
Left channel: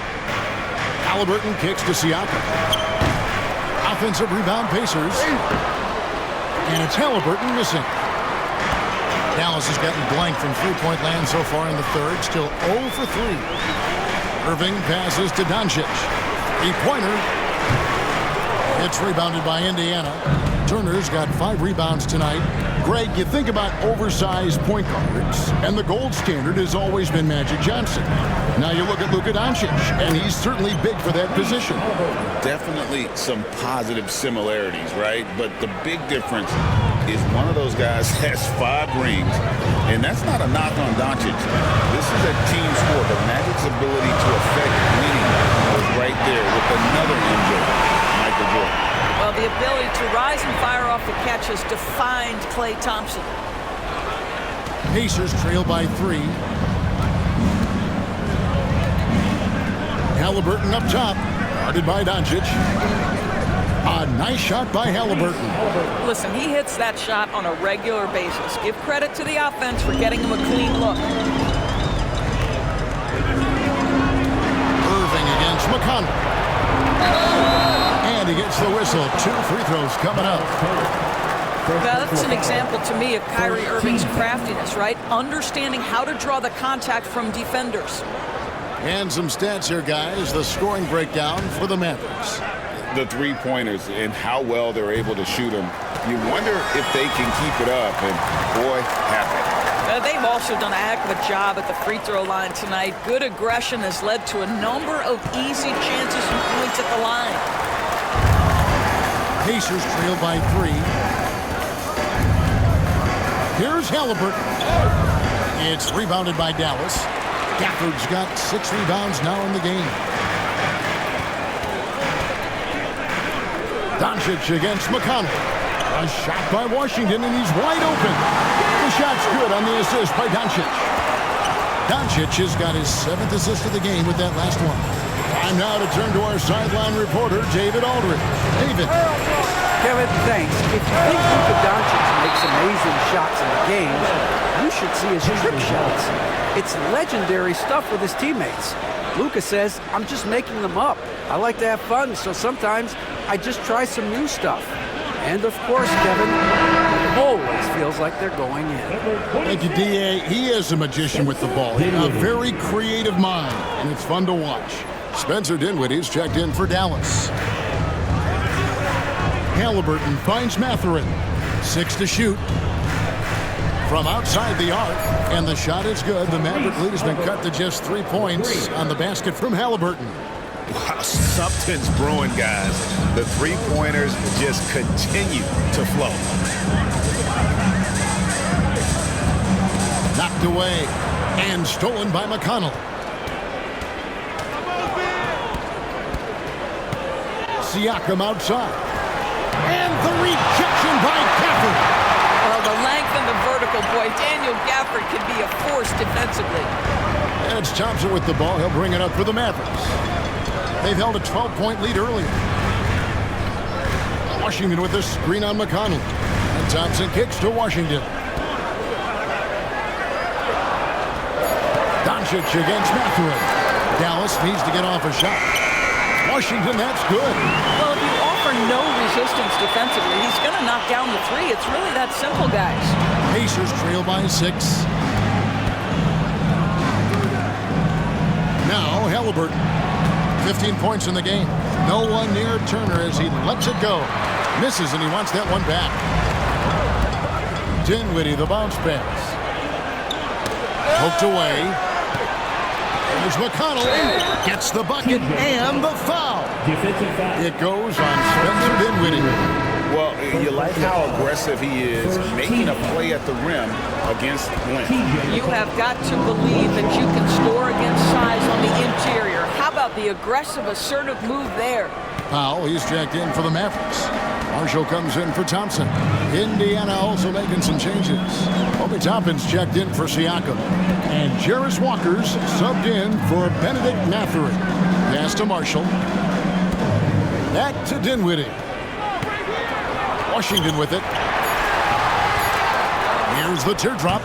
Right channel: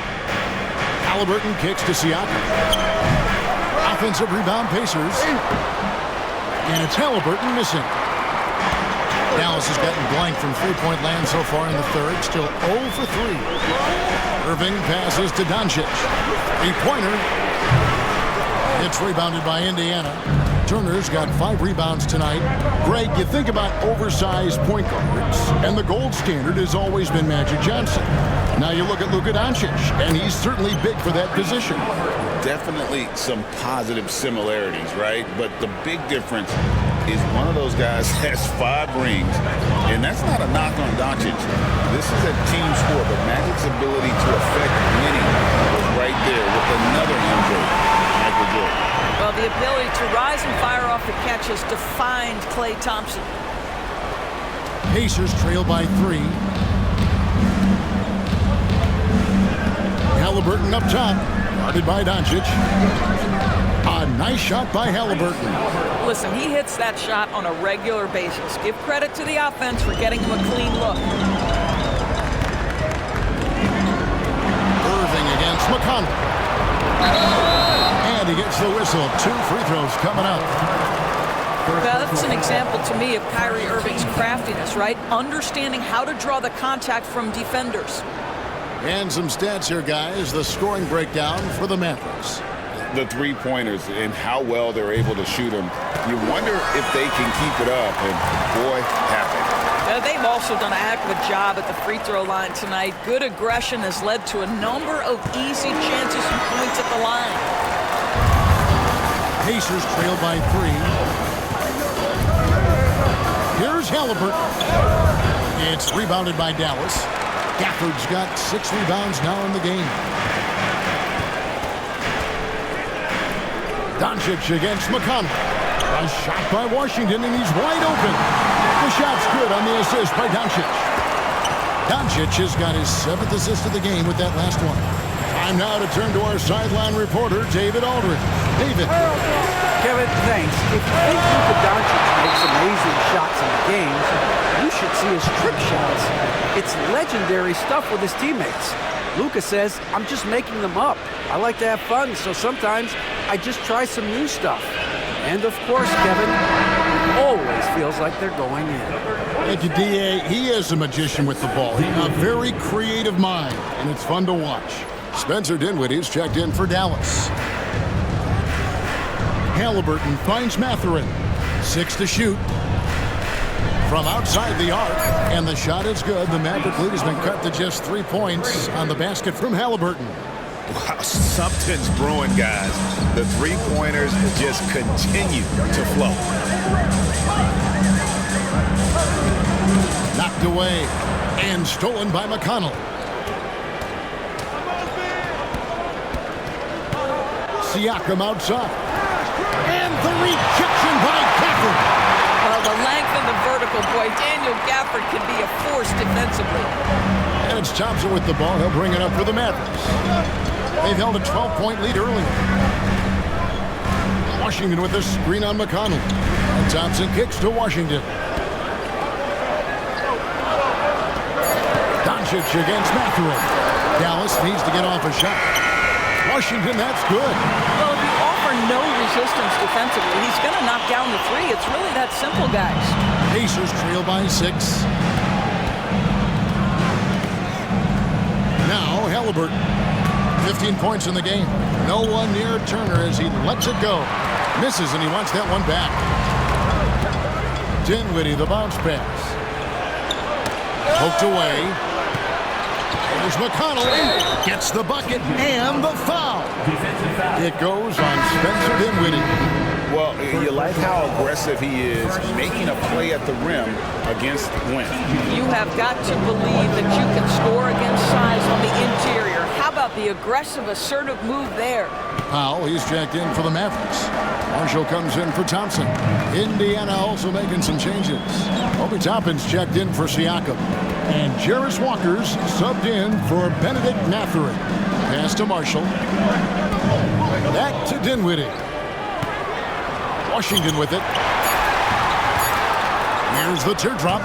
Halliburton kicks to Siakam. Offensive rebound, Pacers. And it's Halliburton missing. Dallas has gotten blank from three-point land so far in the third. Still 0 for 3. Irving passes to Doncic. Three-pointer. It's rebounded by Indiana. Turner's got 5 rebounds tonight. Greg, you think about oversized point guards, and the gold standard has always been Magic Johnson. Now you look at Luka Doncic, and he's certainly big for that position. Definitely some positive similarities, right? But the big difference is one of those guys has 5 rings, and that's not a knock on Doncic. This is a team sport, but Magic's ability to affect winning was right there with another MJ, Michael Jordan. Well, the ability to rise and fire off the catch has defined Klay Thompson. Pacers trail by 3. Halliburton up top, guarded by Doncic. A nice shot by Halliburton. Listen, he hits that shot on a regular basis. Give credit to the offense for getting him a clean look. Irving against McConnell. And he gets the whistle. 2 free throws coming up. Now, that's an example to me of Kyrie Irving's craftiness, right? Understanding how to draw the contact from defenders. And some stats here, guys. The scoring breakdown for the Mavericks. The three-pointers and how well they're able to shoot them. You wonder if they can keep it up, and boy, have they. They've also done a heck of a job at the free throw line tonight. Good aggression has led to a number of easy chances and points at the line. Pacers trail by 3. Here's Halliburton. It's rebounded by Dallas. Gafford's got 6 rebounds now in the game. Doncic against McConnell. A shot by Washington, and he's wide open. The shot's good on the assist by Doncic. Doncic has got his 7th assist of the game with that last one. Time now to turn to our sideline reporter, David Aldridge. David. Kevin, thanks. If you think Luka Doncic makes amazing shots in the games, you should see his trick shots. It's legendary stuff with his teammates. Luka says, I'm just making them up. I like to have fun, so sometimes I just try some new stuff. And of course, Kevin, it always feels like they're going in. Thank you, D.A. He is a magician with the ball. A very creative mind, and it's fun to watch. Spencer Dinwiddie's checked in for Dallas. Halliburton finds Mathurin. 6 to shoot. From outside the arc, and the shot is good. The Maverick lead has been cut to just 3 points on the basket from Halliburton. Wow, something's brewing, guys. The three-pointers just continue to flow. Knocked away and stolen by McConnell. Siakam outside. And the rejection by Gafford. Well, the length and the vertical, boy, Daniel Gafford can be a force defensively. And it's Thompson with the ball. He'll bring it up for the Mavericks. They've held a 12-point lead earlier. Washington with a screen on McConnell. And Thompson kicks to Washington. Doncic against Mathurin. Dallas needs to get off a shot. Washington, that's good. Well, if you offer no resistance defensively, he's going to knock down the 3. It's really that simple, guys. Pacers trail by 6. Now Halliburton. 15 points in the game. No one near Turner as he lets it go. Misses, and he wants that one back. Dinwiddie, the bounce pass. Poked away. There's McConnell. Gets the bucket and the foul. It goes on Spencer Dinwiddie. Well, you like how aggressive he is, making a play at the rim against length. You have got to believe that you can score against size on the interior. How about the aggressive, assertive move there? Powell, he's checked in for the Mavericks. Marshall comes in for Thompson. Indiana also making some changes. Obi Toppin's checked in for Siakam. And Jarris Walker's subbed in for Benedict Mathurin. Pass to Marshall. Back to Dinwiddie. Washington with it. Here's the teardrop.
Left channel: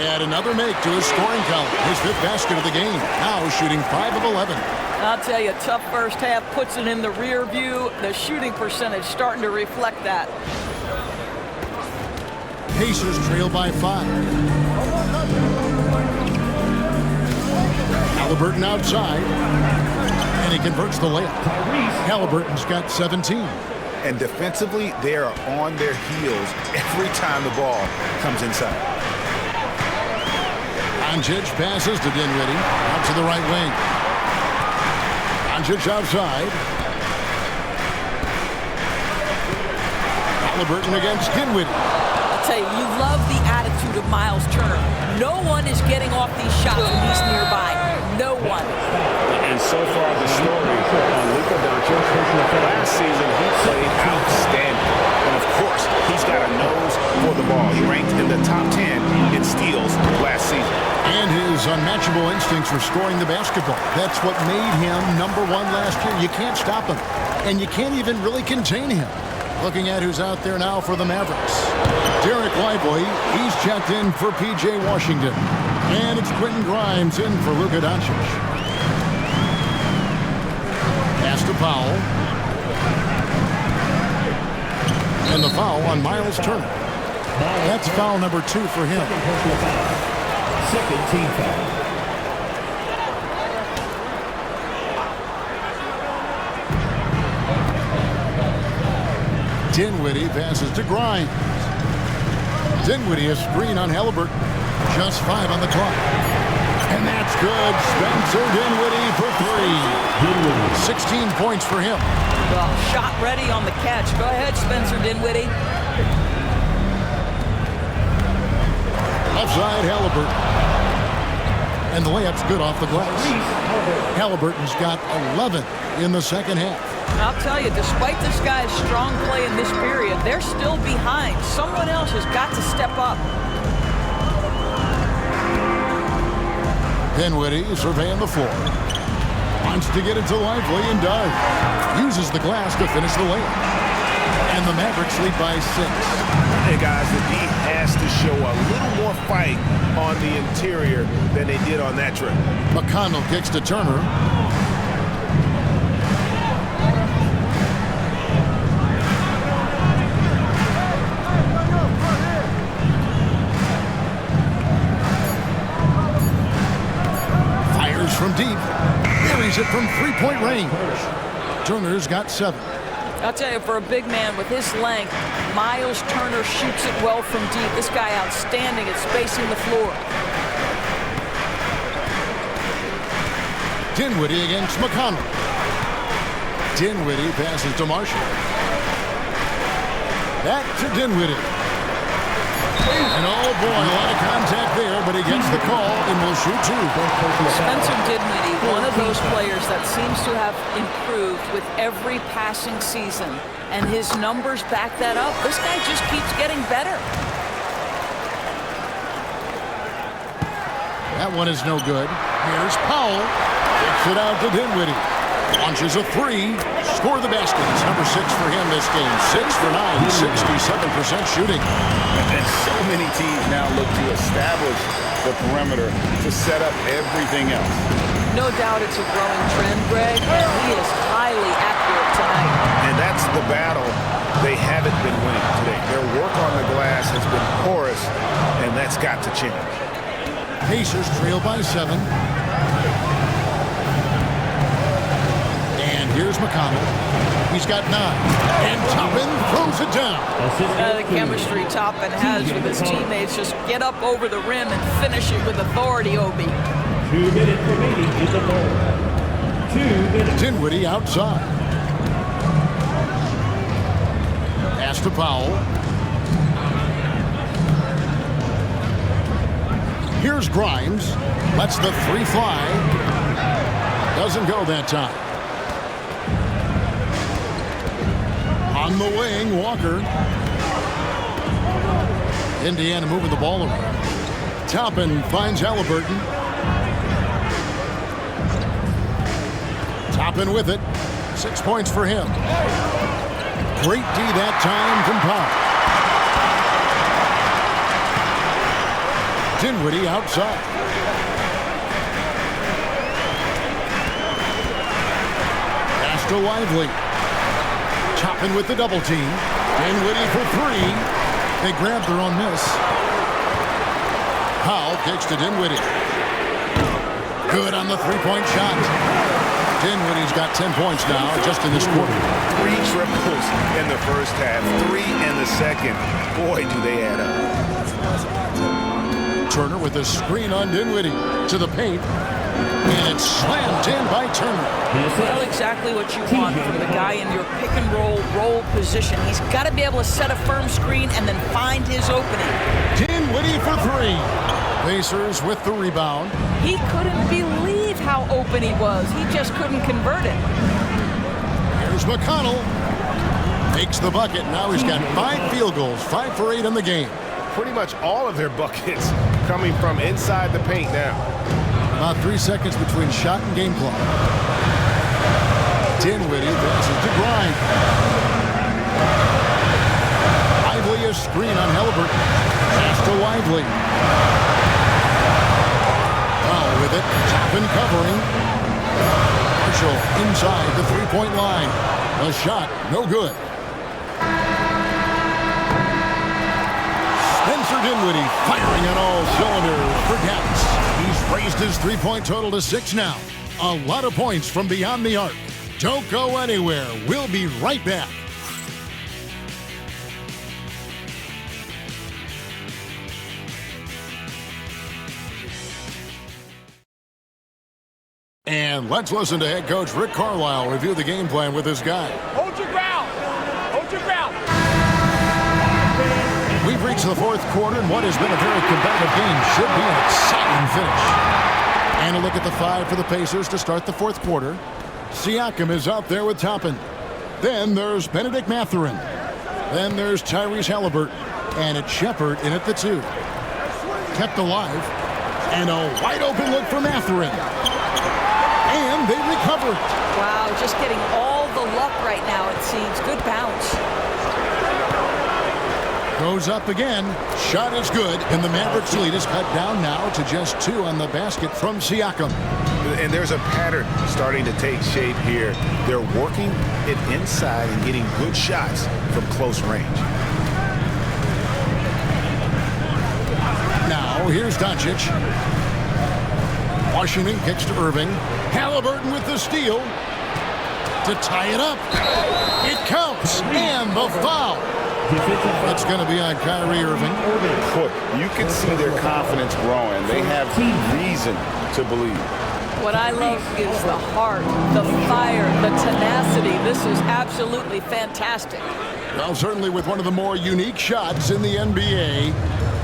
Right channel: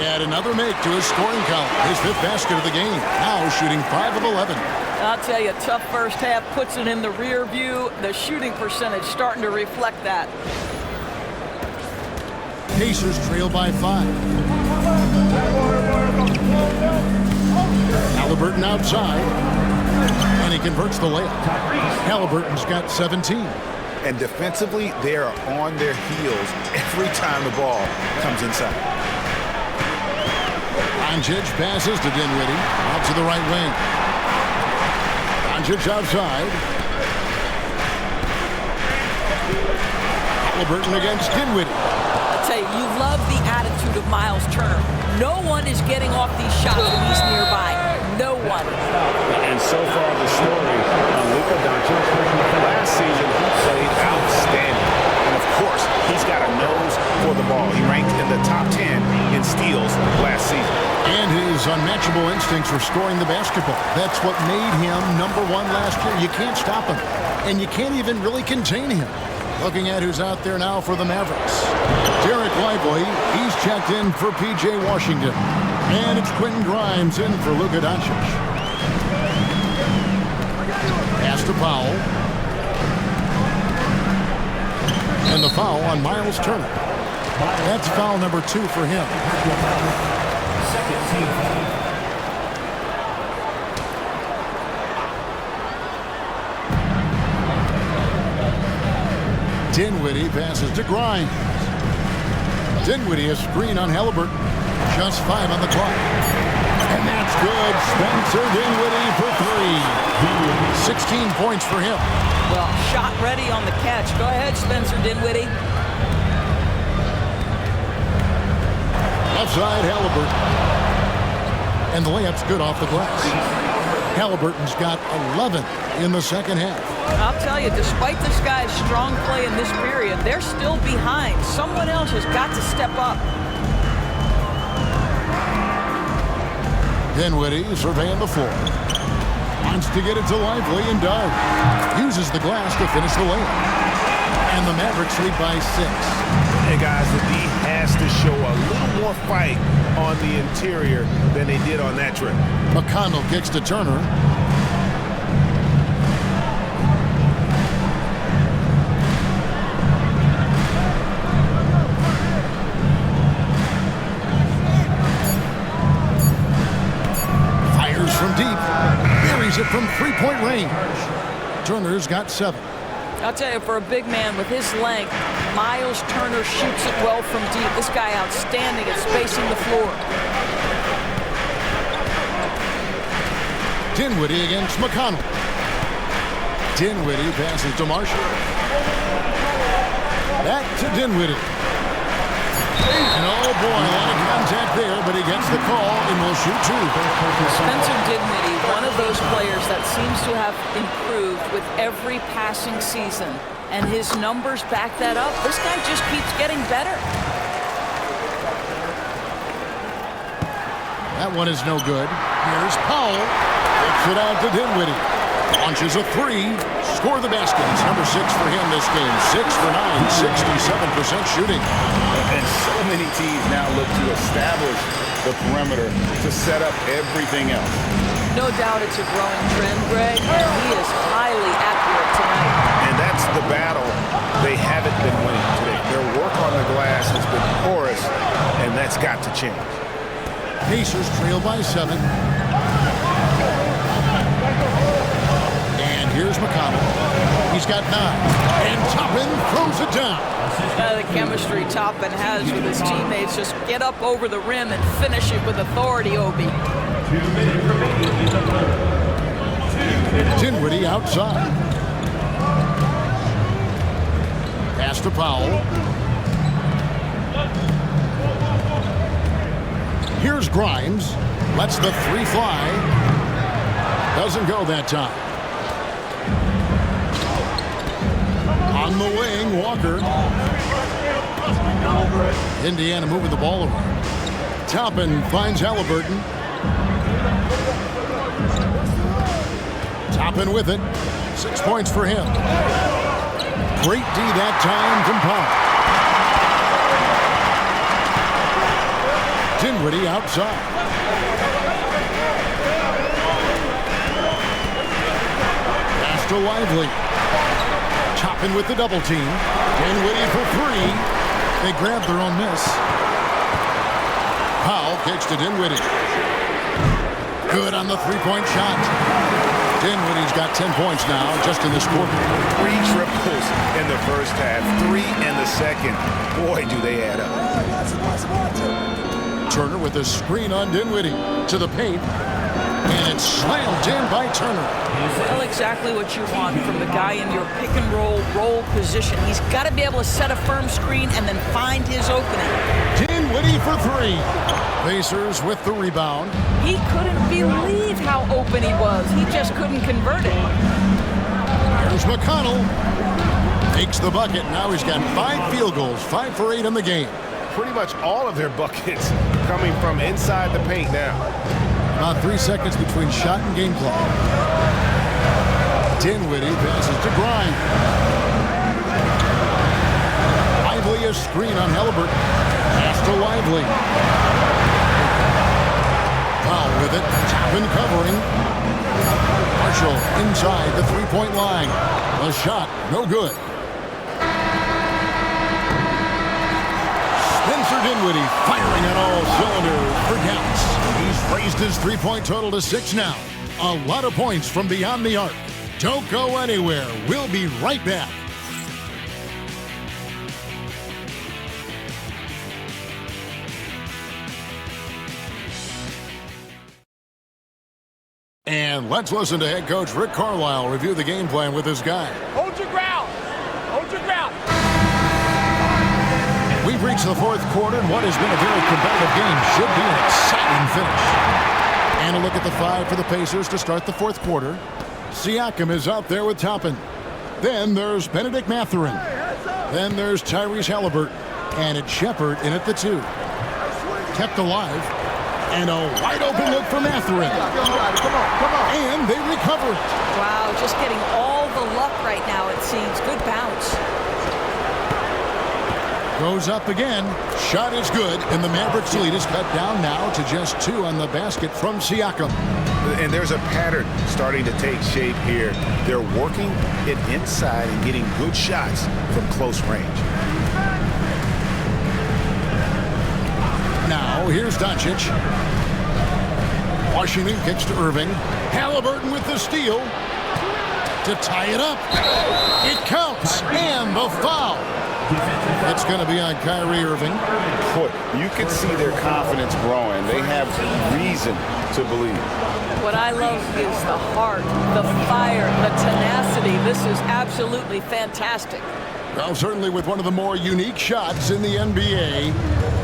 Add another make to his scoring column. His 5th basket of the game. Now shooting 5 of 11. I'll tell you, tough first half puts it in the rear view. The shooting percentage starting to reflect that. Pacers trail by 5. Halliburton outside. And he converts the layup. Halliburton's got 17. And defensively, they are on their heels every time the ball comes inside. Doncic passes to Dinwiddie. Out to the right wing. Doncic outside. Halliburton against Dinwiddie. I'll tell you, you love the attitude of Miles Turner. No one is getting off these shots when he's nearby. No one. And so far, the story on Luka Doncic. Last season, he played outstanding. And of course, he's got a nose for the ball. He ranked in the top 10 in steals last season. And his unmatchable instincts for scoring the basketball. That's what made him number 1 last year. You can't stop him. And you can't even really contain him. Looking at who's out there now for the Mavericks. Derek Lively, he's checked in for P.J. Washington. And it's Quentin Grimes in for Luka Doncic. Pass to Powell. And the foul on Miles Turner. That's foul number 2 for him. Second team foul. Dinwiddie passes to Grimes. Dinwiddie a screen on Halliburton. Just 5 on the clock. And that's good. Spencer Dinwiddie for 3. 16 points for him. Well, shot ready on the catch. Go ahead, Spencer Dinwiddie. Left side, Halliburton. And the layup's good off the glass. Halliburton's got 11 in the second half. I'll tell you, despite this guy's strong play in this period, they're still behind. Someone else has got to step up. Dinwiddie surveying the floor. Wants to get it to Lively and does. Uses the glass to finish the layup. And the Mavericks lead by 6. Hey guys, the D has to show a little more fight on the interior than they did on that trip. McConnell kicks to Turner. Fires from deep. Buries it from 3-point range. Turner's got 7. I'll tell you, for a big man with his length, Miles Turner shoots it well from deep. This guy outstanding at spacing the floor. Dinwiddie against McConnell. Dinwiddie passes to Marshall. Back to Dinwiddie. And oh boy, a lot of contact there, but he gets the call and will shoot 2. Spencer Dinwiddie, one of those players that seems to have improved with every passing season. And his numbers back that up. This guy just keeps getting better. That one is no good. Here's Powell. Kicks it out to Dinwiddie. Launches a 3. Score the basket. It's number 6 for him this game. 6 for 9. 67% shooting. And so many teams now look to establish the perimeter to set up everything else. No doubt it's a growing trend, Greg, and he is highly accurate tonight. And that's the battle they haven't been winning today. Their work on the glass has been porous, and that's got to change. Pacers trail by 7. And here's McConnell. He's got 9. And Toppin throws it down. The chemistry Toppin has with his teammates. Just get up over the rim and finish it with authority, Obi. 2 minutes remaining in the ball. 2 minutes. Dinwiddie outside. Pass to Powell. Here's Grimes. Lets the 3 fly. Doesn't go that time. On the wing, Walker. Indiana moving the ball around. Toppin finds Halliburton. Toppin with it. 6 points for him. Great D that time from Powell. Dinwiddie outside. Pass to Lively. Toppin with the double team. Dinwiddie for 3. They grab their own miss. Powell kicks to Dinwiddie. Good on the 3-point shot. Dinwiddie's got 10 points now just in this quarter. 3 triples in the first half, 3 in the second. Boy, do they add up. Turner with a screen on Dinwiddie to the paint. And it's slammed in by Turner. Well, exactly what you want from the guy in your pick and roll position. He's got to be able to set a firm screen and then find his opening. Dinwiddie for 3. Pacers with the rebound. He couldn't believe how open he was. He just couldn't convert it. Here's McConnell. Makes the bucket. Now he's got 5 field goals, 5 for 8 in the game. Pretty much all of their buckets coming from inside the paint now. About 3 seconds between shot and game clock. Dinwiddie passes to Grimes. Lively a screen on Halliburton. Pass to Lively. Powell with it. Toppin covering. Marshall inside the 3-point line. The shot, no good. Spencer Dinwiddie firing on all cylinders for Dallas. He's raised his 3-point total to 6 now. A lot of points from beyond the arc. Don't go anywhere. We'll be right back. And let's listen to head coach Rick Carlisle review the game plan with his guy. Hold your ground. Hold your ground. We've reached the fourth quarter, and what has been a very competitive game should be an exciting finish. And a look at the five for the Pacers to start the fourth quarter. Siakam is out there with Toppin. Then there's Benedict Mathurin. Then there's Tyrese Halliburton. And it's Shepherd in at the 2. Kept alive. And a wide open look for Mathurin. And they recover it. Wow, just getting all the luck right now, it seems. Good bounce. Goes up again. Shot is good. And the Mavericks lead is cut down now to just 2 on the basket from Siakam. And there's a pattern starting to take shape here. They're working it inside and getting good shots from close range. Now, here's Doncic. Washington kicks to Irving. Halliburton with the steal to tie it up. It counts, and the foul. That's going to be on Kyrie Irving. Boy, you can see their confidence growing. They have reason to believe. What I love is the heart, the fire, the tenacity. This is absolutely fantastic. Well, certainly with one of the more unique shots in the NBA,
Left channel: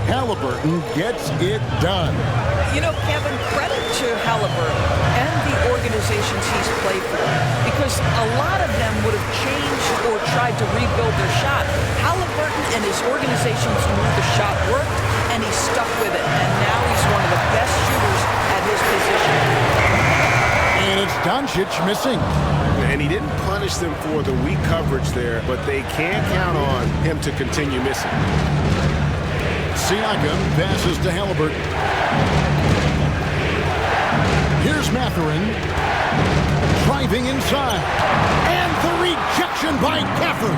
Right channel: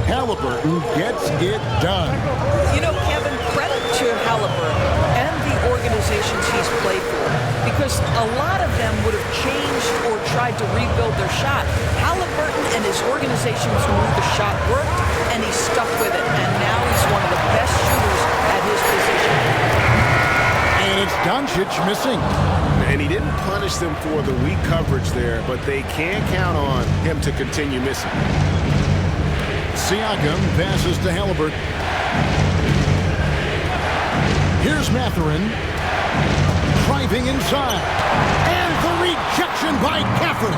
Halliburton gets it done. You know, Kevin, credit to Halliburton and the organizations he's played for, because a lot of them would have changed or tried to rebuild their shot. Halliburton and his organizations knew the shot worked, and he stuck with it, and now he's one of the best shooters at his position. And it's Doncic missing. And he didn't punish them for the weak coverage there, but they can count on him to continue missing. Siakam passes to Halliburton. Here's Mathurin. Driving inside. And the rejection by Gafford.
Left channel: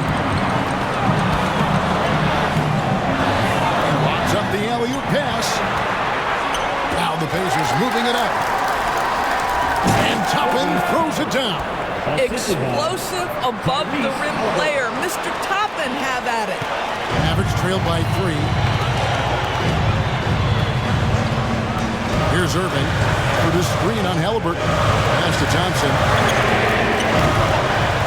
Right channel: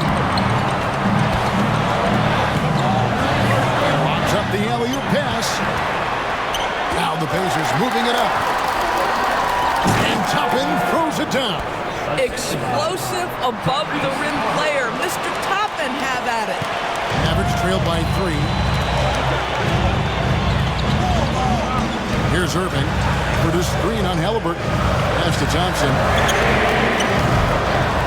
Locks up the alley-oop pass. Now the Pacers moving it up. And Toppin throws it down. Explosive above the rim player. Mr. Toppin have at it. Mavericks trail by 3. Here's Irving for the screen on Halliburton. Pass to Thompson.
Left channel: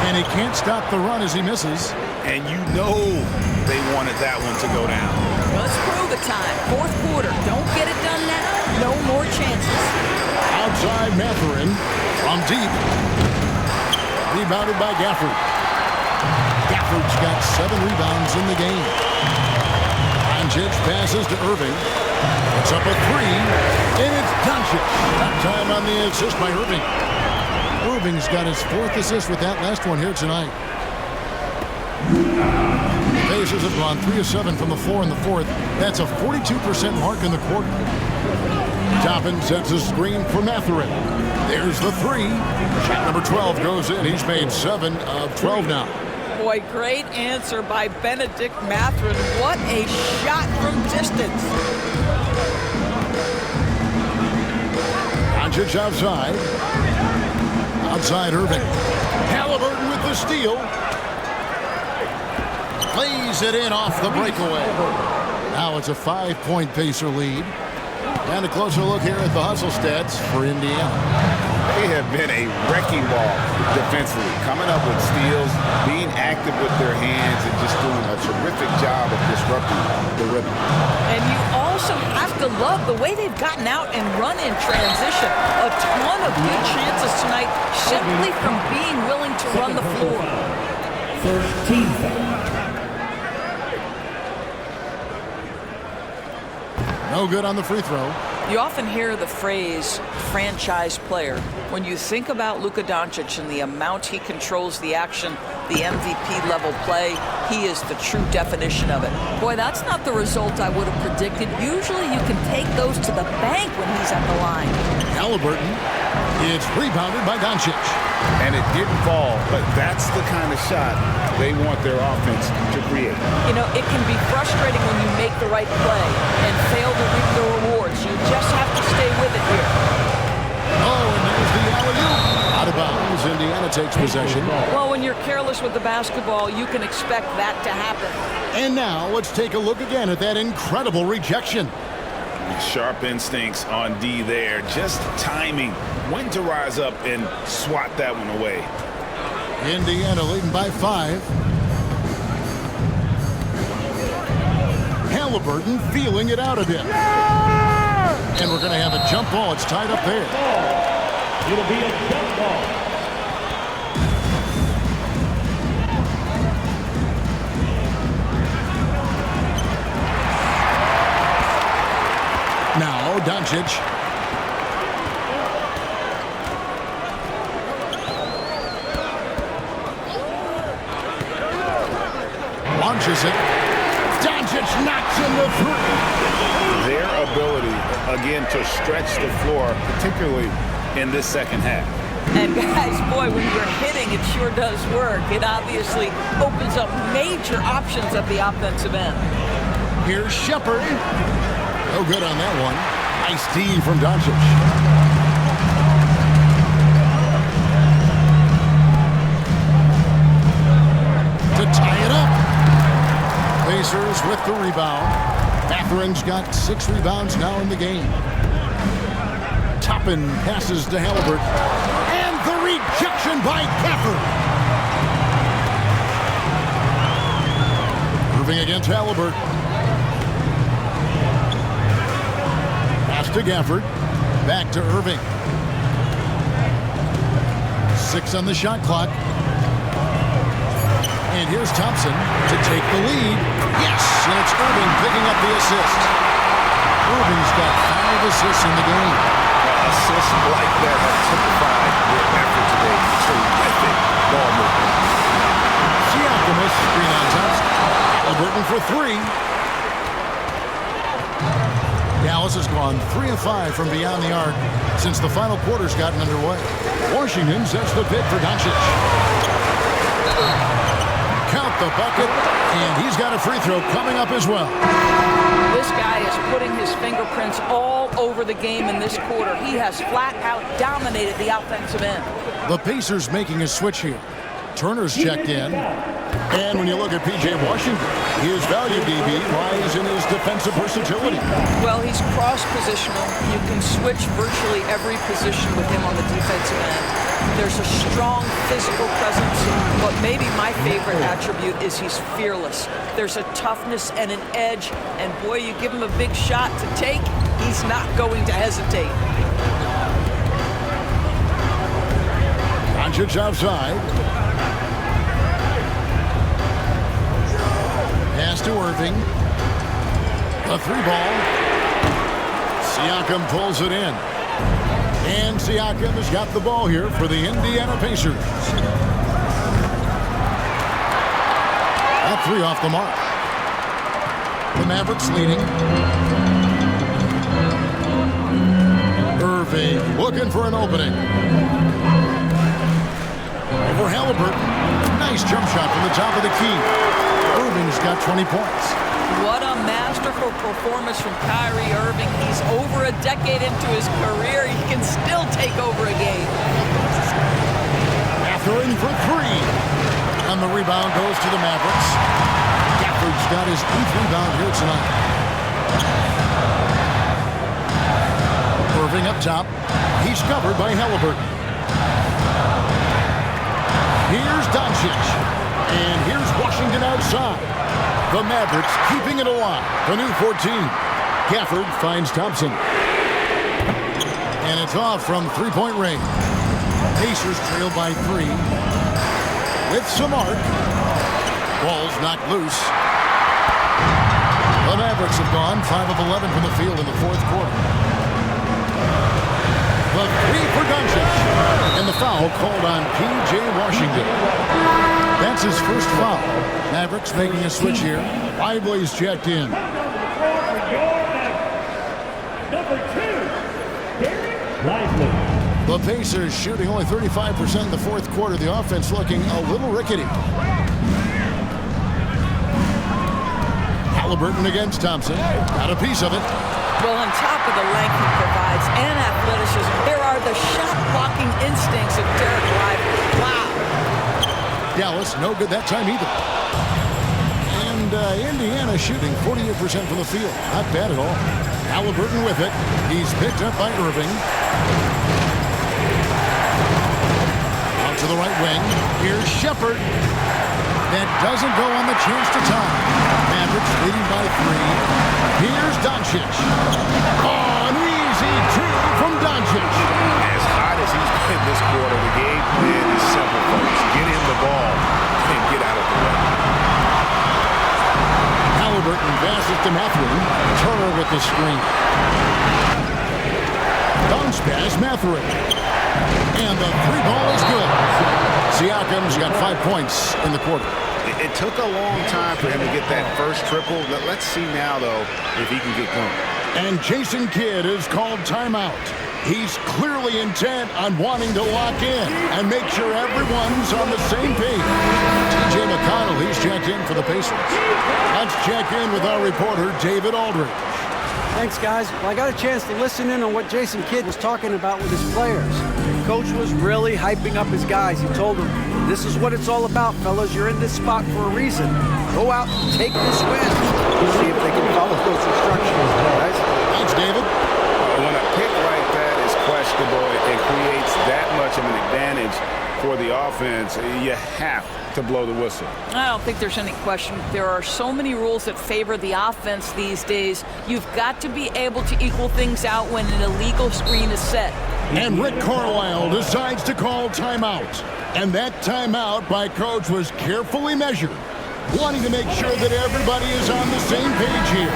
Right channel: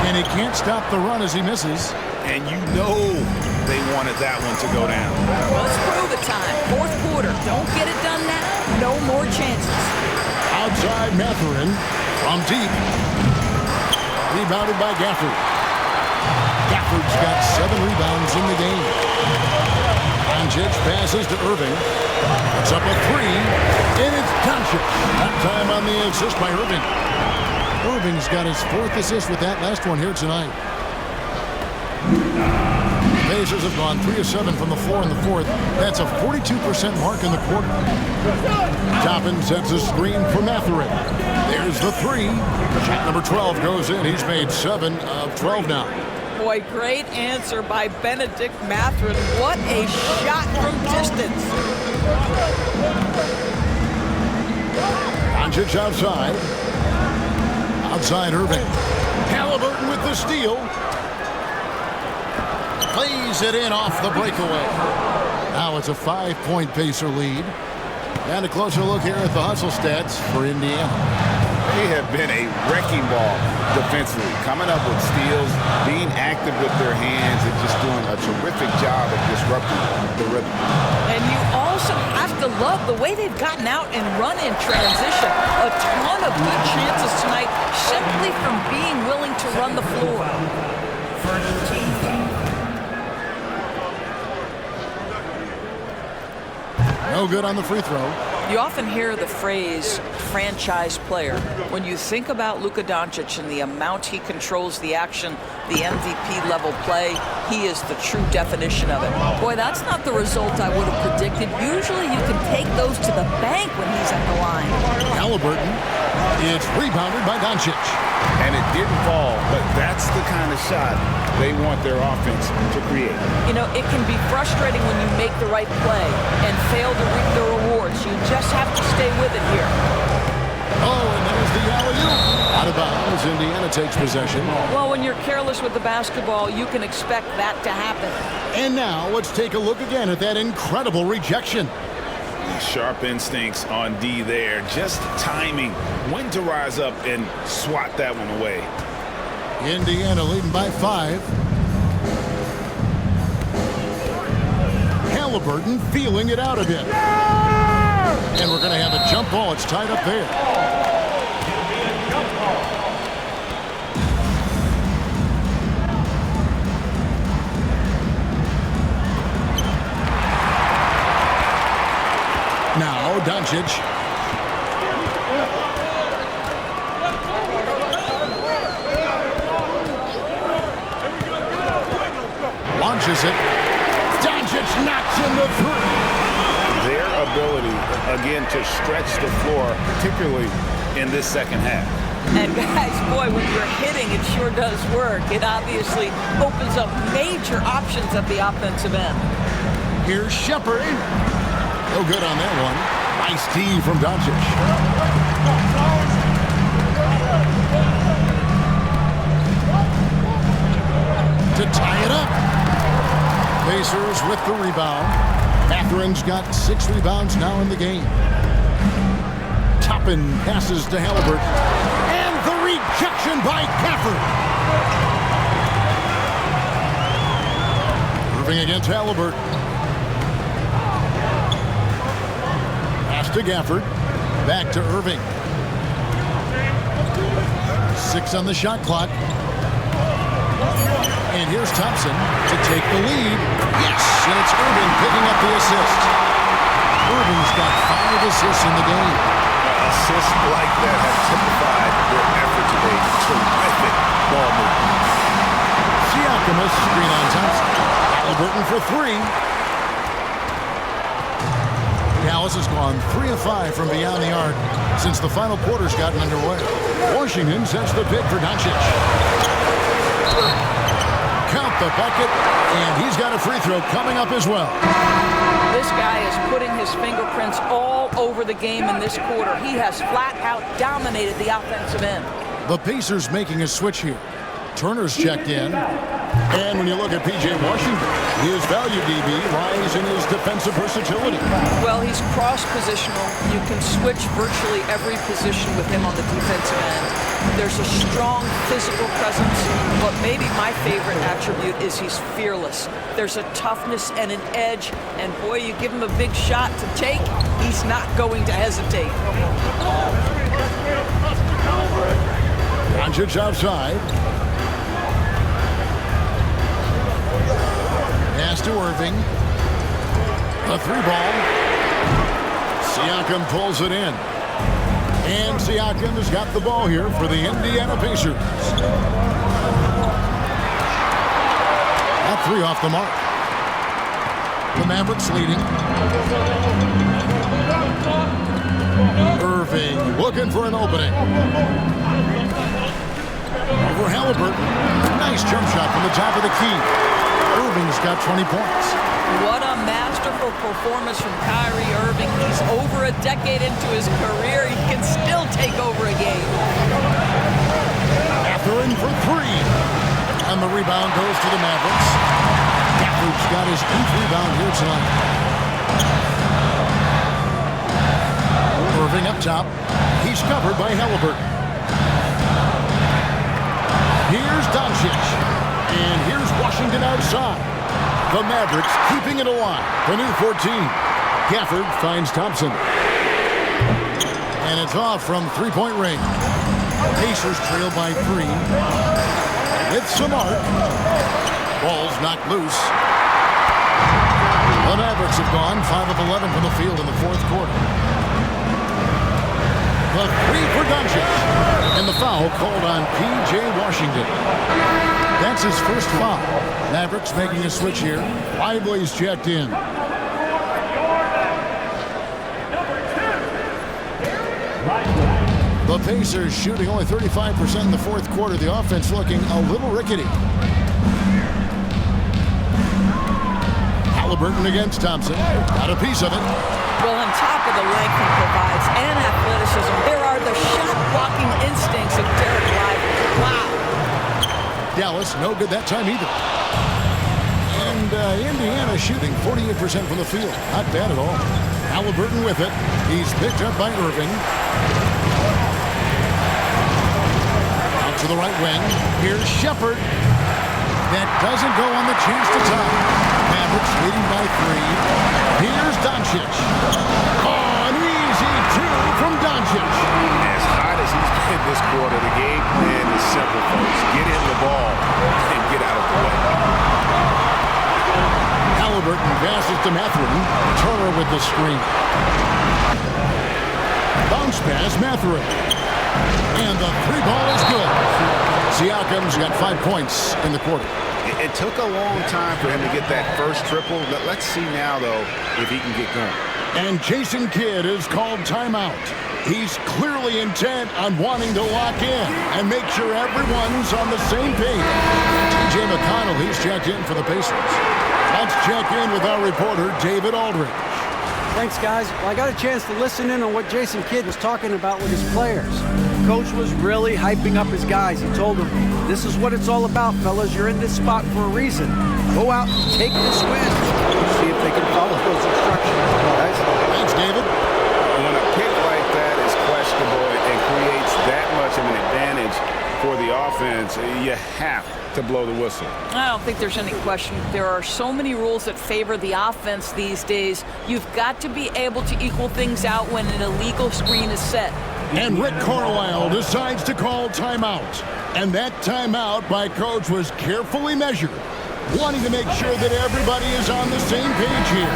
And he can't stop the run as he misses. And you know they wanted that one to go down. Well, let's prove the time. Fourth quarter. Don't get it done now. No more chances. Outside Mathurin from deep. Rebounded by Gafford. Gafford's got 7 rebounds in the game. Doncic passes to Irving. It's up a 3, and it's Doncic. That time on the assist by Irving. Irving's got his 4th assist with that last one here tonight. The Pacers have gone 3 of 7 from the floor in the 4th. That's a 42% mark in the quarter. Toppin sets a screen for Mathurin. There's the 3. Shot number 12 goes in. He's made 7 of 12 now. Boy, great answer by Benedict Mathurin. What a shot from distance. Doncic outside. Outside Irving. Halliburton with the steal. Plays it in off the breakaway. Now it's a 5-point Pacer lead. And a closer look here at the hustle stats for Indiana. They have been a wrecking ball defensively, coming up with steals, being active with their hands, and just doing a terrific job of disrupting the rhythm. And you also have to love the way they've gotten out and run in transition. A ton of good chances tonight simply from being willing to run the floor. First team foul. No good on the free throw. You often hear the phrase franchise player. When you think about Luka Doncic and the amount he controls the action, the MVP level play, he is the true definition of it. Boy, that's not the result I would have predicted. Usually you can take those to the bank when he's at the line. Halliburton. It's rebounded by Doncic. And it didn't fall, but that's the kind of shot they want their offense to create. You know, it can be frustrating when you make the right play and fail to reap the rewards. You just have to stay with it here. Oh, and there's the alley-oop. Out of bounds, Indiana takes possession. Well, when you're careless with the basketball, you can expect that to happen. And now let's take a look again at that incredible rejection. sharp instincts on D there. Just timing when to rise up and swat that one away. Indiana leading by 5. Halliburton feeling it out a bit. And we're going to have a jump ball. It's tied up there. It'll be a jump ball. Now Doncic. Launches it. Doncic knocks in the 3. Their ability, again, to stretch the floor, particularly in this second half. And guys, boy, when you're hitting, it sure does work. It obviously opens up major options at the offensive end. Here's Shepard. No good on that one. Nice D from Doncic. To tie it up. Pacers with the rebound. Matherin's got 6 rebounds now in the game. Toppin passes to Halliburton. And the rejection by Gafford. Irving against Halliburton. Pass to Gafford. Back to Irving. 6 on the shot clock. And here's Thompson to take the lead. Yes, and it's Irving picking up the assist. Irving's got 5 assists in the game. Assists like that have typified their effort today. Terrific ball movement. Siakam a screen on Thompson. Halliburton for 3. Dallas has gone 3 of 5 from beyond the arc since the final quarter's gotten underway. Washington sets the pick for Doncic. Count the bucket, and he's got a free throw coming up as well. This guy is putting his fingerprints all over the game in this quarter. He has flat out dominated the offensive end. The Pacers making a switch here. Turner's checked in. And when you look at P.J. Washington, his value, DB, lies in his defensive versatility. Well, he's cross-positional. You can switch virtually every position with him on the defensive end. There's a strong physical presence, but maybe my favorite attribute is he's fearless. There's a toughness and an edge, and boy, you give him a big shot to take, he's not going to hesitate. Doncic outside. Pass to Irving. A 3-ball. Siakam pulls it in. And Siakam has got the ball here for the Indiana Pacers. That 3 off the mark. The Mavericks leading. Irving looking for an opening. Over Halliburton. Nice jump shot from the top of the key. Irving's got 20 points. What a masterful performance from Kyrie Irving. He's over a decade into his career. He can still take over a game. Matherin for 3. And the rebound goes to the Mavericks. Gafford's got his 8th rebound here tonight. Irving up top. He's covered by Halliburton. Here's Doncic. And here's Washington outside. The Mavericks keeping it alive. The new 14. Gafford finds Thompson. And it's off from 3-point range. Pacers trail by 3. With some arc. Ball's knocked loose. The Mavericks have gone 5 of 11 from the field in the 4th quarter. The 3 for Doncic. And the foul called on P.J. Washington. That's his first foul. Mavericks making a switch here. Lively's checked in. The Pacers shooting only 35% in the 4th quarter. The offense looking a little rickety. Halliburton against Thompson. Got a piece of it. Well, on top of the length he provides and athleticism, there are the shot-blocking instincts of Derek Lively. Wow. Dallas, no good that time either. And Indiana shooting 48% from the field. Not bad at all. Halliburton with it. He's picked up by Irving. Out to the right wing. Here's Shepard. That doesn't go on the chance to tie. Mavericks leading by 3. Here's Doncic. Oh, an easy 2 from Doncic. As hot as he's been this quarter, the game plan is simple, folks. Get him the ball and get out of the way. Halliburton passes to Mathurin. Turner with the screen. Bounce pass, Mathurin. And the 3-ball is good. Siakam's got 5 points in the quarter. It took a long time for him to get that first triple. Let's see now, though, if he can get going. And Jason Kidd is called timeout. He's clearly intent on wanting to lock in and make sure everyone's on the same page. T.J. McConnell, he's checked in for the Pacers. Let's check in with our reporter, David Aldridge. Thanks, guys. Well, I got a chance to listen in on what Jason Kidd was talking about with his players. Coach was really hyping up his guys. He told them, this is what it's all about, fellas. You're in this spot for a reason. Go out and take this win. See if they can follow those instructions, guys. Thanks, David. When a pick like that is questionable and creates that much of an advantage for the offense, you have to blow the whistle. I don't think there's any question. There are so many rules that favor the offense these days. You've got to be able to equal things out when an illegal screen is set. And Rick Carlisle decides to call timeout. And that timeout by Coach was carefully measured, wanting to make sure that everybody is on the same page here.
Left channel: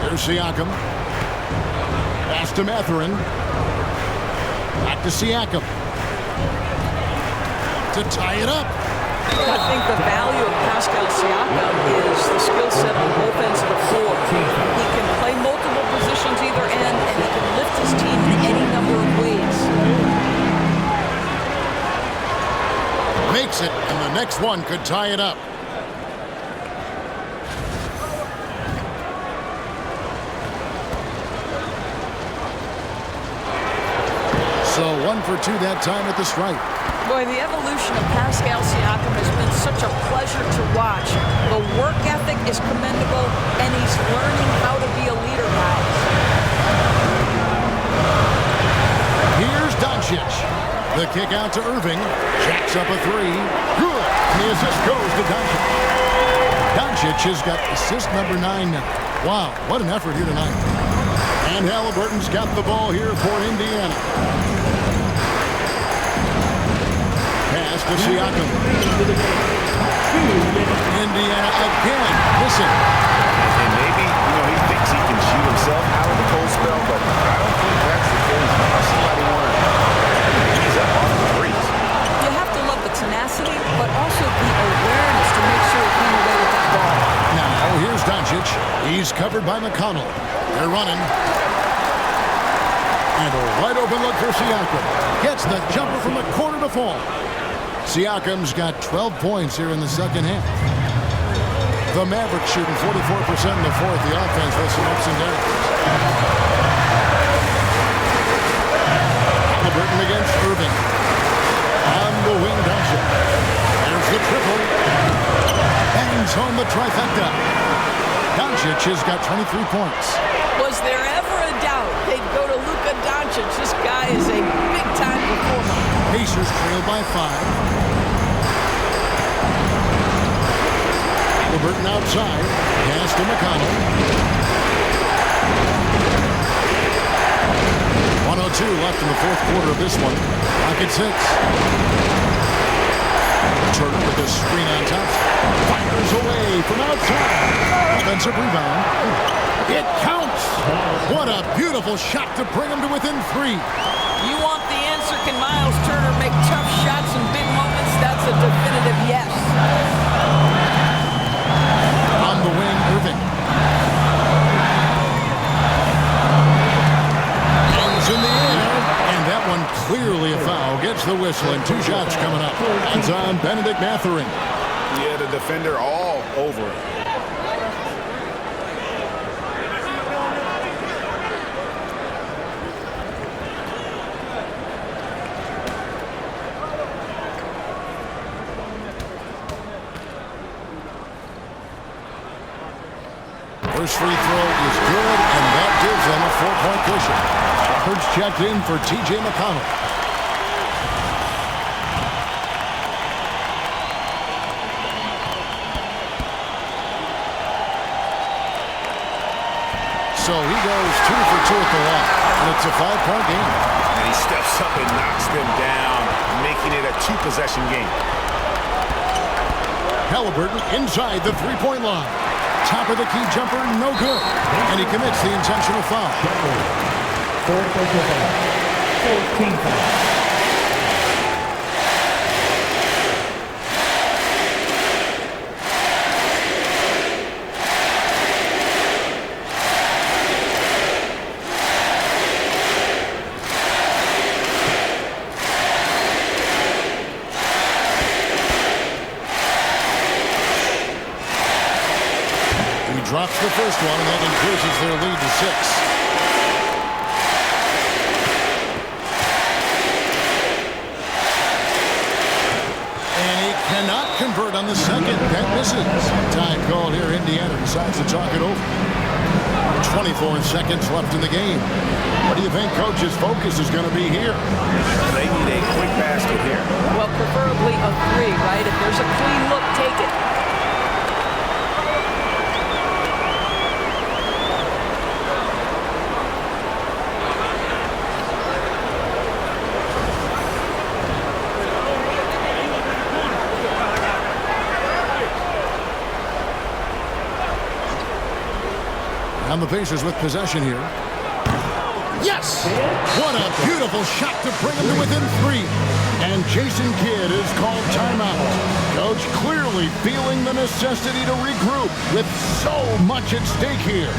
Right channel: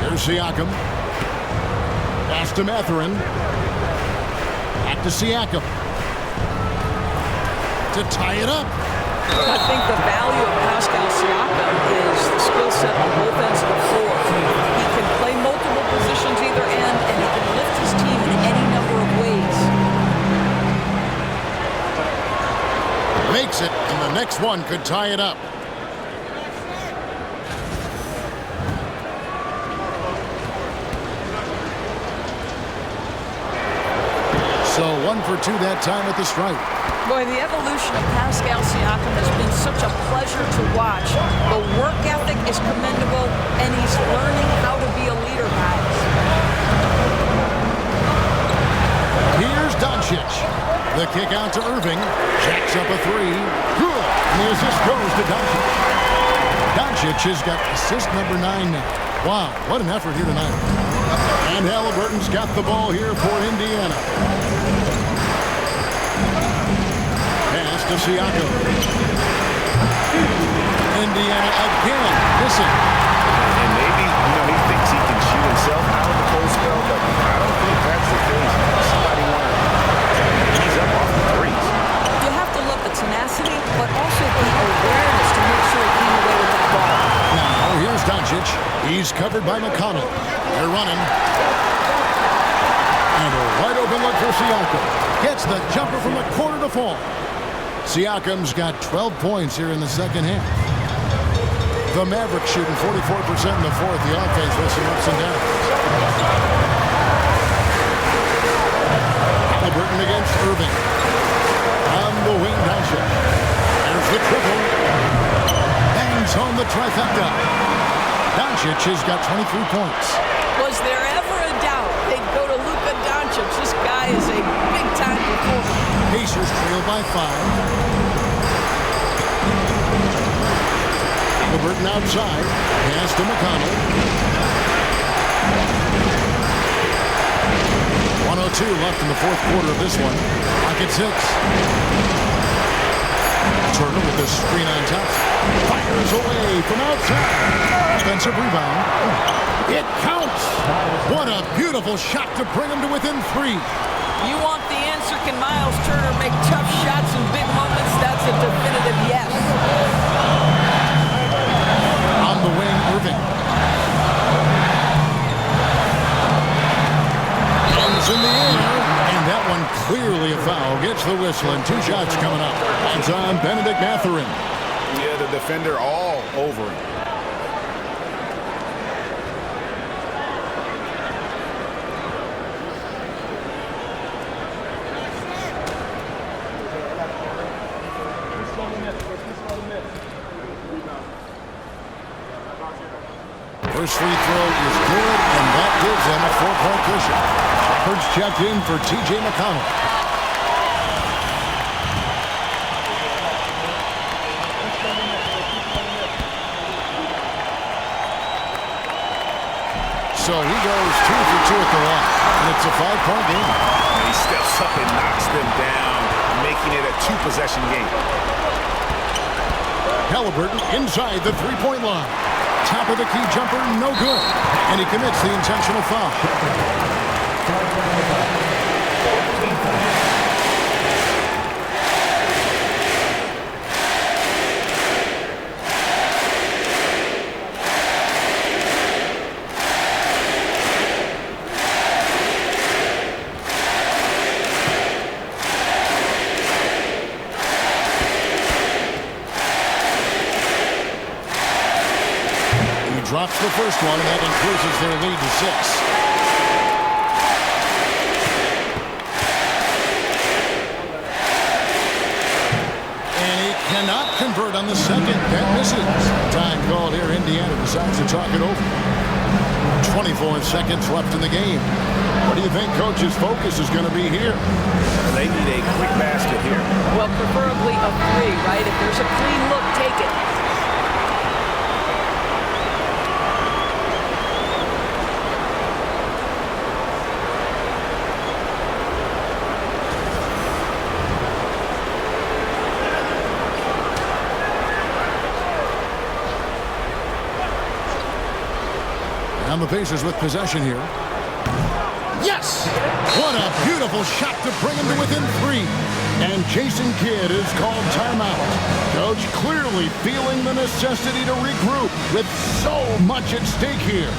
Here's Siakam. Pass to Mathurin. Back to Siakam. To tie it up. I think the value of Pascal Siakam is the skill set on both ends of the floor. He can play multiple positions either end, and he can lift his team in any number of ways. Makes it, and the next one could tie it up. So 1 for 2 that time at the stripe. Boy, the evolution of Pascal Siakam has been such a pleasure to watch. The work ethic is commendable, and he's learning how to be a leader, guys. Here's Doncic. The kick out to Irving. Jacks up a 3. Good. And the assist goes to Doncic. Doncic has got assist number 9 now. Wow, what an effort here tonight. And Halliburton's got the ball here for Indiana. Pass to Siakam. Indiana again missing. And maybe, he thinks he can shoot himself out of the cold spell, but I don't think that's the case. Somebody wanted to ease up off the threes. You have to love the tenacity, but also the awareness to make sure he came away with that ball. Now, here's Doncic. He's covered by McConnell. They're running. And a wide open look for Siakam. Gets the jumper from the corner to fall. Siakam's got 12 points here in the second half. The Mavericks shooting 44% in the fourth. The offense with some ups and downs. Halliburton against Irving. On the wing, Doncic. There's the triple. Bangs home the trifecta. Doncic has got 23 points. Was there ever a doubt they'd go to Luka Doncic? This guy is a big-time performer. Pacers trail by 5. Halliburton outside. Pass to McConnell. 1:02 left in the fourth quarter of this one. Clock at 6. Turner with the screen on top. Fires away from outside. Offensive rebound. It counts. What a beautiful shot to bring him to within 3. You want the answer? Can Miles Turner make tough shots in big moments? That's a definitive yes. On the wing, Irving. Hands in the air. And that one clearly a foul. Gets the whistle, and 2 shots coming up. Hands on Benedict Mathurin. Yeah, the defender all over him. First free throw is good, and that gives them a 4-point cushion. Shepard's checked in for T.J. McConnell. So he goes 2 for 2 at the line, and it's a 5-point game. And he steps up and knocks them down, making it a 2-possession game. Halliburton inside the 3-point line. Top of the key jumper, no good. And he commits the intentional foul. 14 foul. Drops the first one, and that increases their lead to 6. And he cannot convert on the second. That misses. Time called here. Indiana decides to talk it over. 24 seconds left in the game. What do you think Coach's focus is going to be here? They need a quick basket here. Well, preferably a 3, right? If there's a clean look, take it. And the Pacers with possession here. Yes! What a beautiful shot to bring him to within 3. And Jason Kidd is called timeout. Coach clearly feeling the necessity to regroup with so much at stake here.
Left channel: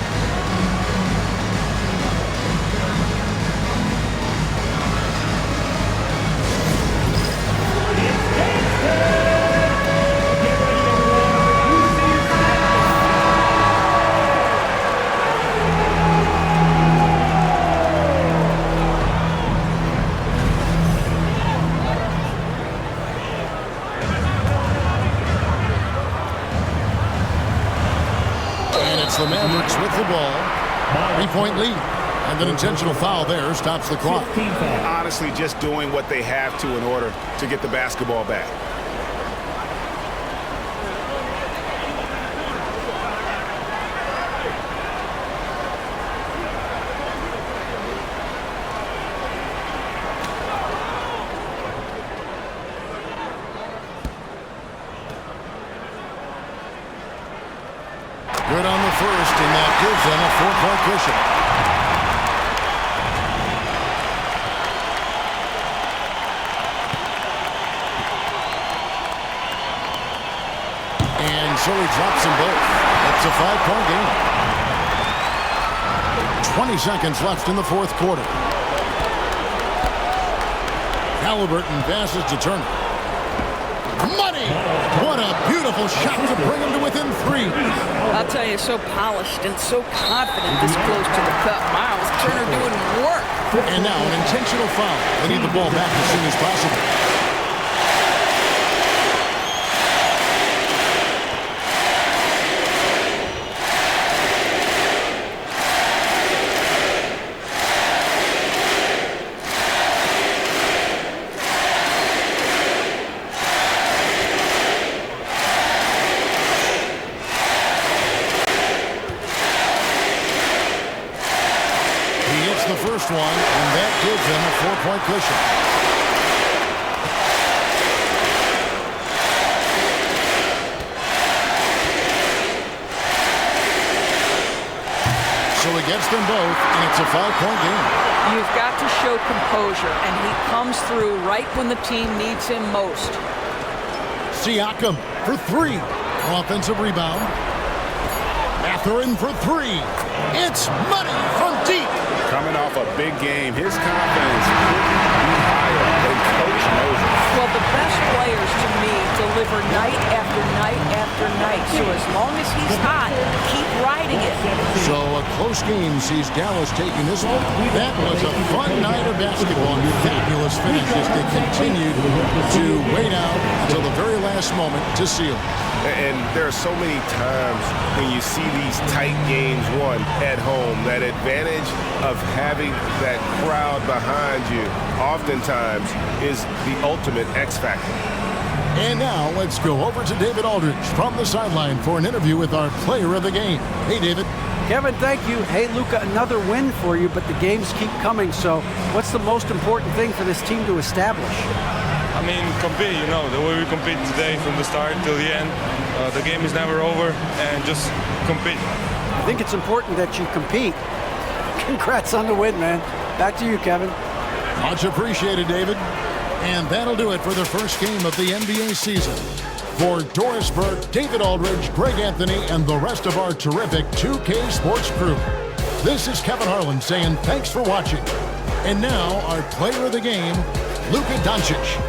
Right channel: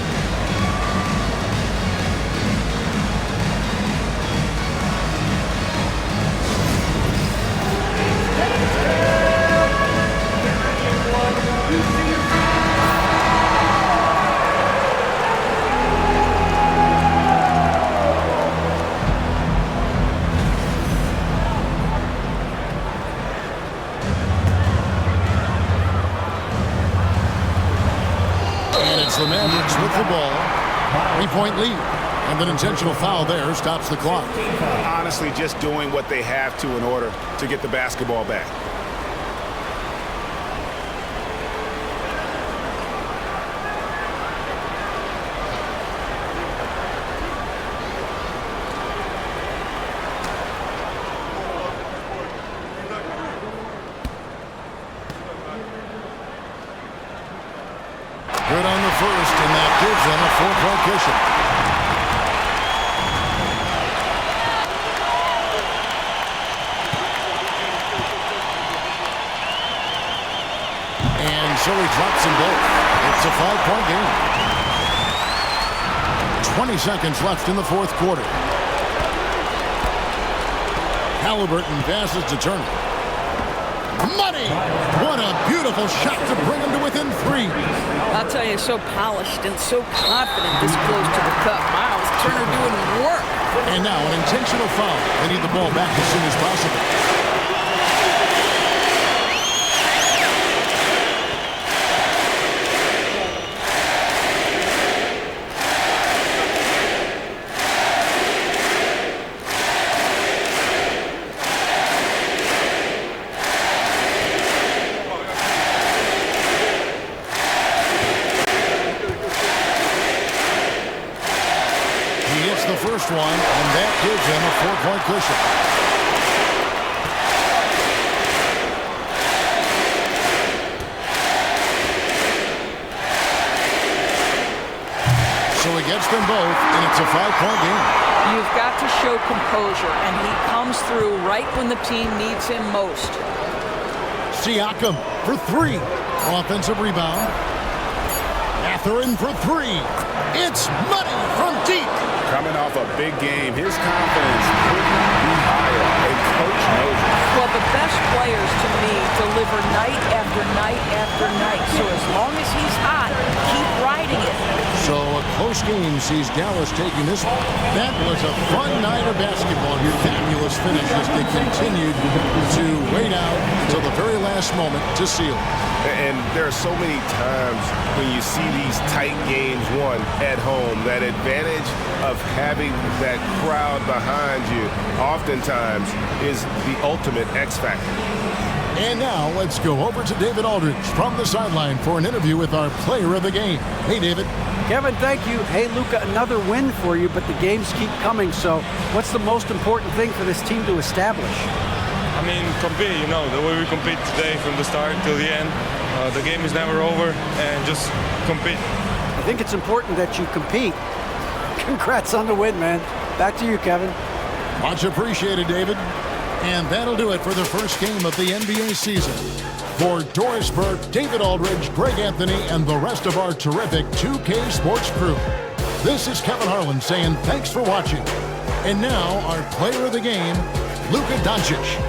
It's the Mavericks with the ball. 3-point lead. And an intentional foul there stops the clock. Honestly, just doing what they have to in order to get the basketball back. Good on the first, and that gives them a 4-point cushion. And so he drops them both. It's a 5-point game. 20 seconds left in the fourth quarter. Halliburton passes to Turner. Money! What a beautiful shot to bring him to within 3. I'll tell you, so polished and so confident this close to the cup. Miles Turner doing work. And now an intentional foul. They need the ball back as soon as possible. The first one, and that gives him a 4-point cushion. So he gets them both, and it's a 5-point game. You've got to show composure, and he comes through right when the team needs him most. Siakam for 3. Offensive rebound. Mathurin for 3. It's money from deep. Coming off a big game, his confidence couldn't be higher, and Coach knows it. Well, The best players, to me, deliver night after night after night. So as long as he's hot, keep riding it. So a close game sees Dallas taking this one. That was a fun night of basketball. Fabulous finish as they continued to wait out until the very last moment to seal. And there are so many times when you see these tight games won at home, that advantage of having that crowd behind you oftentimes is the ultimate X factor. And now let's go over to David Aldridge from the sideline for an interview with our player of the game. Hey, David. Kevin, thank you. Hey, Luka, another win for you, but the games keep coming. So what's the most important thing for this team to establish? I mean, compete, you know, the way we compete today from the start till the end. The game is never over, and just compete. I think it's important that you compete. Congrats on the win, man. Back to you, Kevin. Much appreciated, David. And that'll do it for the first game of the NBA season. For Doris Burke, David Aldridge, Greg Anthony, and the rest of our terrific 2K Sports crew, this is Kevin Harlan saying thanks for watching. And now, our player of the game, Luka Doncic.